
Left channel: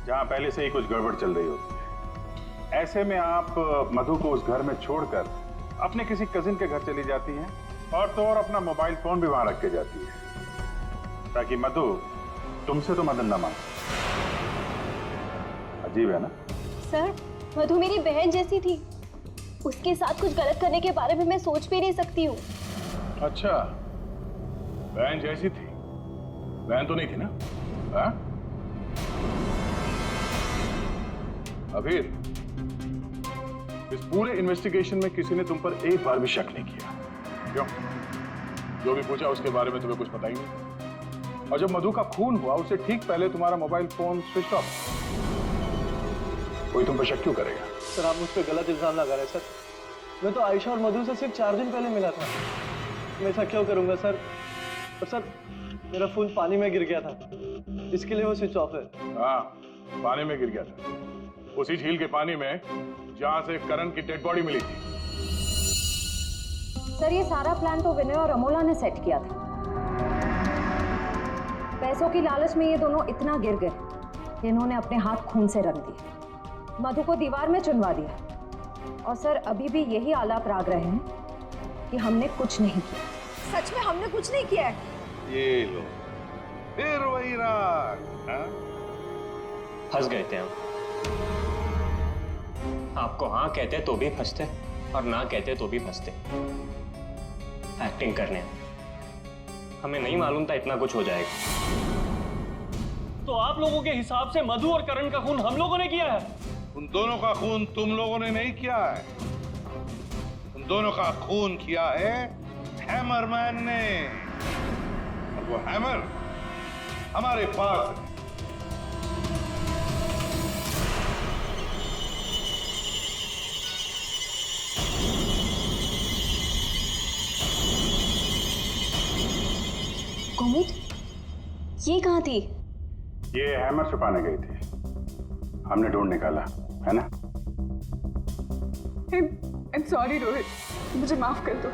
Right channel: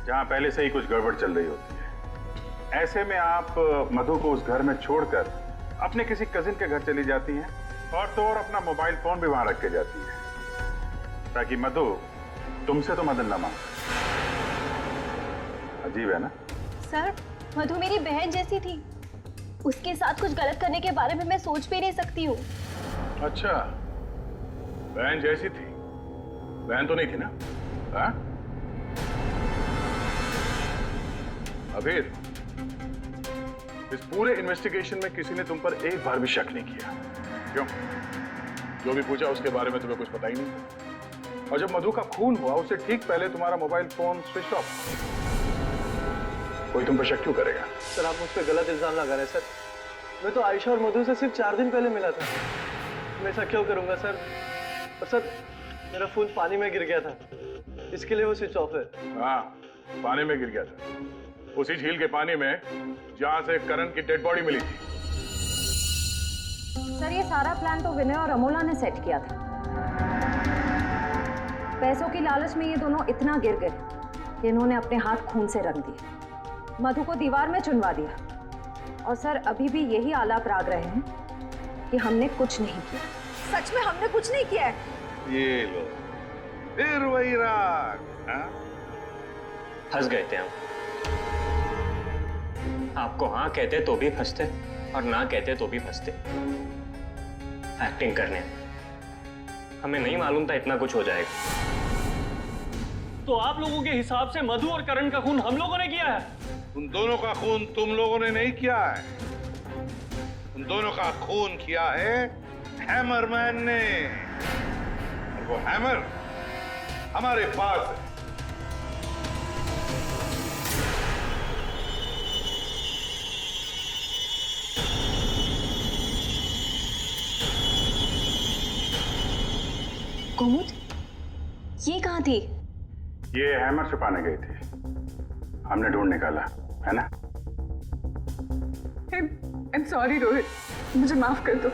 जहां पहले से ही कुछ गड़बड़ चल रही होती है। ऐसे में आप मधु को उस घर में छोड़कर अपने किसी कजिन के घर चली जाती हैं, और तो और अपना मोबाइल फोन भी वहां रख के जाती है, ताकि मधु तुमसे तो मदद न मांगे। अजीब है ना? सर, मधु मेरी बहन जैसी थी, उसके साथ कुछ गलत करने के बारे में मैं सोच भी नहीं सकती हूँ। अच्छा, बहन जैसी थी? बहन तो नहीं थी ना? हाँ? अबीर, इस पूरे इन्वेस्टिगेशन में किसी ने तुम पर एक बार भी शक नहीं किया, क्यों? जो भी पूछा उसके बारे में तुम्हें कुछ पता ही नहीं। और जब मधु का खून हुआ उससे ठीक पहले तुम्हारा मोबाइल फोन स्विच ऑफ। कोई तुम पर शक क्यों करेगा? सर आप मुझ पर गलत इल्जाम लगा रहे हैं सर। मैं तो आयशा और मधु से सिर्फ 4 दिन पहले मिला था। मैं ऐसा क्यों करूंगा सर? और सर मेरा फोन पानी में गिर गया था, इसके लिए वो स्विच ऑफ है। हाँ, पानी में गिर गया था, उसी झील के पानी में जहां से करण की डेड बॉडी मिली थी। सर ये सारा प्लान तो विनय और अमोला ने सेट किया था। पैसों की लालच में ये दोनों इतना गिर गए कि इन्होंने अपने हाथ खून से रंग दिए, मधु को दीवार में चुनवा दिया, और सर अभी भी यही आलाप राग रहे हैं कि हमने कुछ नहीं किया। सच में हमने कुछ नहीं किया है। ये लो, फिर वही राग। फंस गए थे हम। आपको हाँ कहते तो भी फंसते, और ना कहते तो भी फंसते। एक्टिंग करने हमें नहीं मालूम था इतना कुछ हो जाएगा। तो आप लोगों के हिसाब से मधु और करण का खून हम लोगों ने किया है? उन दोनों का खून तुम लोगों ने नहीं किया है, उन दोनों का खून किया है हैमरमैन ने, और वो हैमर हमारे पास है। कुमुद, ये कहाँ थी? ये हैमर छुपाने गई थी, हमने ढूंढ निकाला, है ना? I'm sorry रोहित, मुझे माफ कर दो।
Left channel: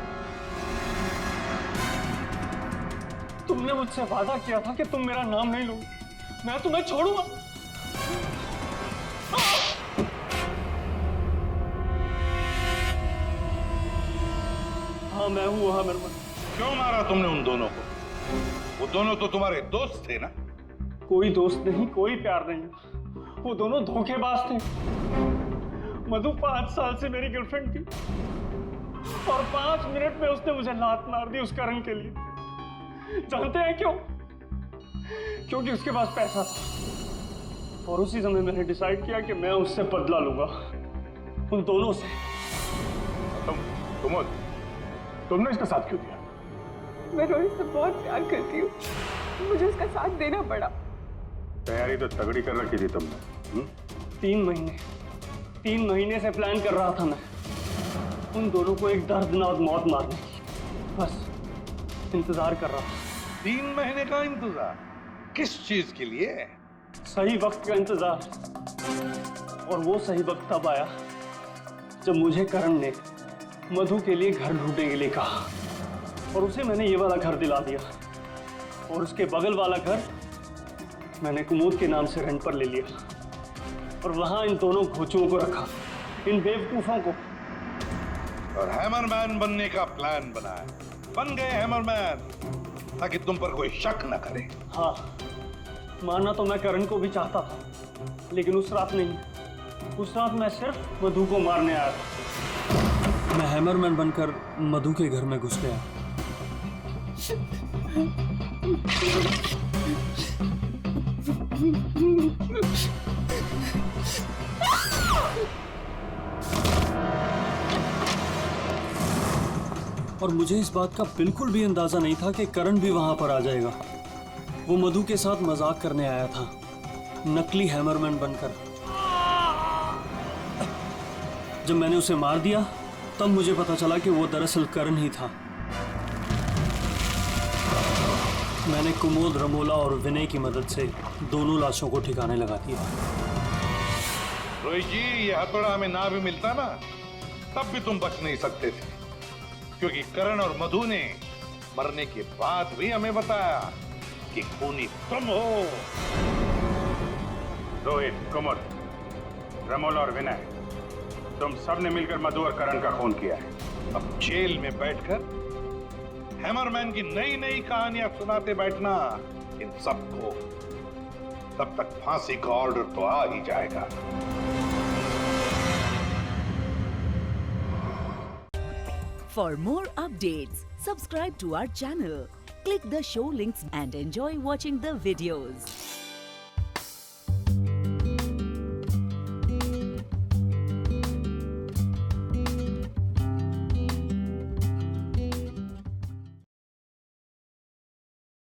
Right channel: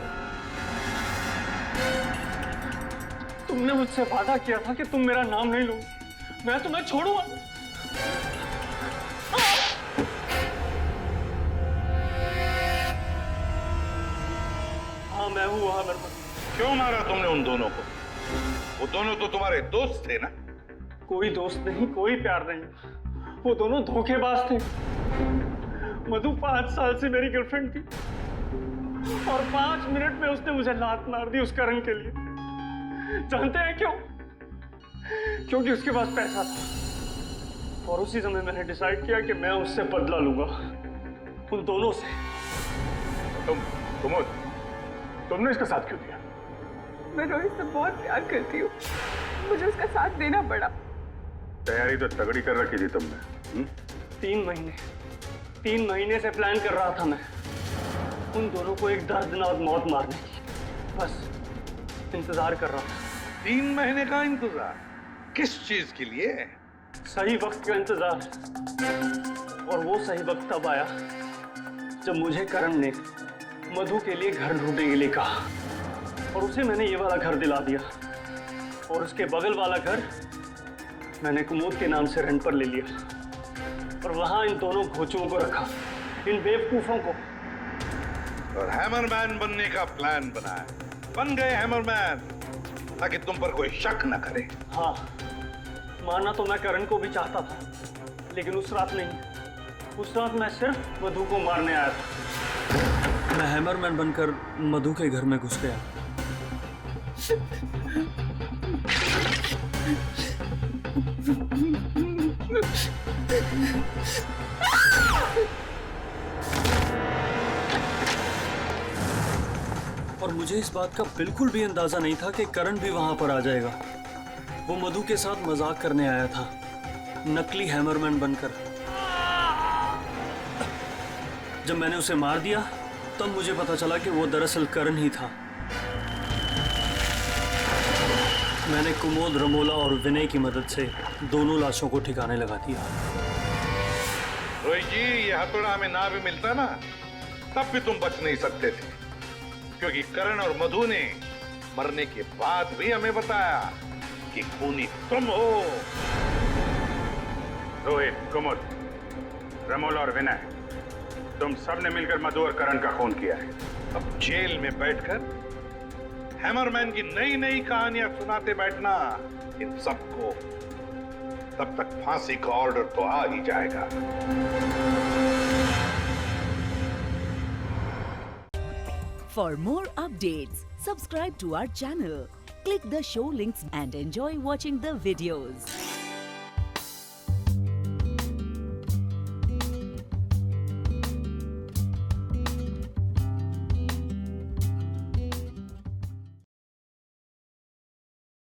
तुमने मुझसे वादा किया था कि तुम मेरा नाम नहीं लोगे, मैं तुम्हें छोड़ूंगा। हाँ मैं हूँ वहां मरमर। क्यों मारा तुमने उन दोनों को? वो दोनों तो तुम्हारे दोस्त थे ना? कोई दोस्त नहीं, कोई प्यार नहीं, वो दोनों धोखेबाज थे। मधु 5 साल से मेरी गर्लफ्रेंड थी, और 5 मिनट में उसने मुझे लात मार दी उस करण के लिए। जानते हैं क्यों? क्योंकि उसके पास पैसा था, और उसी समय मैंने डिसाइड किया कि मैं उससे बदला लूंगा, उन दोनों से। तुमने इसका साथ क्यों दिया? मैं रोहित से बहुत प्यार करती हूँ, मुझे उसका साथ देना पड़ा। तैयारी तो तगड़ी कर रखी थी तुमने। 3 महीने से प्लान कर रहा था मैं, उन दोनों को एक दर्दनाक मौत मारने की। बस इंतजार कर रहा था। 3 महीने का इंतजार? किस चीज के लिए? सही वक्त का इंतजार। और वो सही वक्त तब आया जब मुझे करण ने मधु के लिए घर ढूंढने के लिए कहा और उसे मैंने ये वाला घर दिला दिया और उसके बगल वाला घर मैंने कुमुद के नाम से रेंट पर ले लिया और वहां इन दोनों घोचुओं को रखा, इन बेवकूफों को। और हैमरमैन बनने का प्लान बनाया, बन गए हैमरमैन ताकि तुम पर कोई शक न करे। हाँ, मानना तो मैं करण को भी चाहता था, लेकिन उस रात नहीं। उस रात मैं सिर्फ मधु को मारने आया था। मैं हैमरमैन बनकर मधु के घर में घुस गया। और मुझे इस बात का बिल्कुल भी अंदाजा नहीं था कि करण भी वहां पर आ जाएगा। वो मधु के साथ मजाक करने आया था, नकली हैमरमैन बनकर। जब मैंने उसे मार दिया तब मुझे पता चला कि वो दरअसल करण ही था। मैंने कुमोद, रमोला और विनय की मदद से दोनों लाशों को ठिकाने लगा दिया। रोहित जी, ये हथौड़ा हमें ना भी मिलता ना, तब भी तुम बच नहीं सकते थे, क्योंकि करण और मधु ने मरने के बाद भी हमें बताया कि खूनी तुम हो। रोहित, कुमुद, रमोला और विनय, तुम सब ने मिलकर मधु और करण का खून किया है। अब जेल में बैठकर हैमरमैन की नई नई कहानियां सुनाते बैठना इन सबको, तब तक फांसी का ऑर्डर तो आ ही जाएगा। For more updates, subscribe to our channel, click the show links and enjoy watching the videos.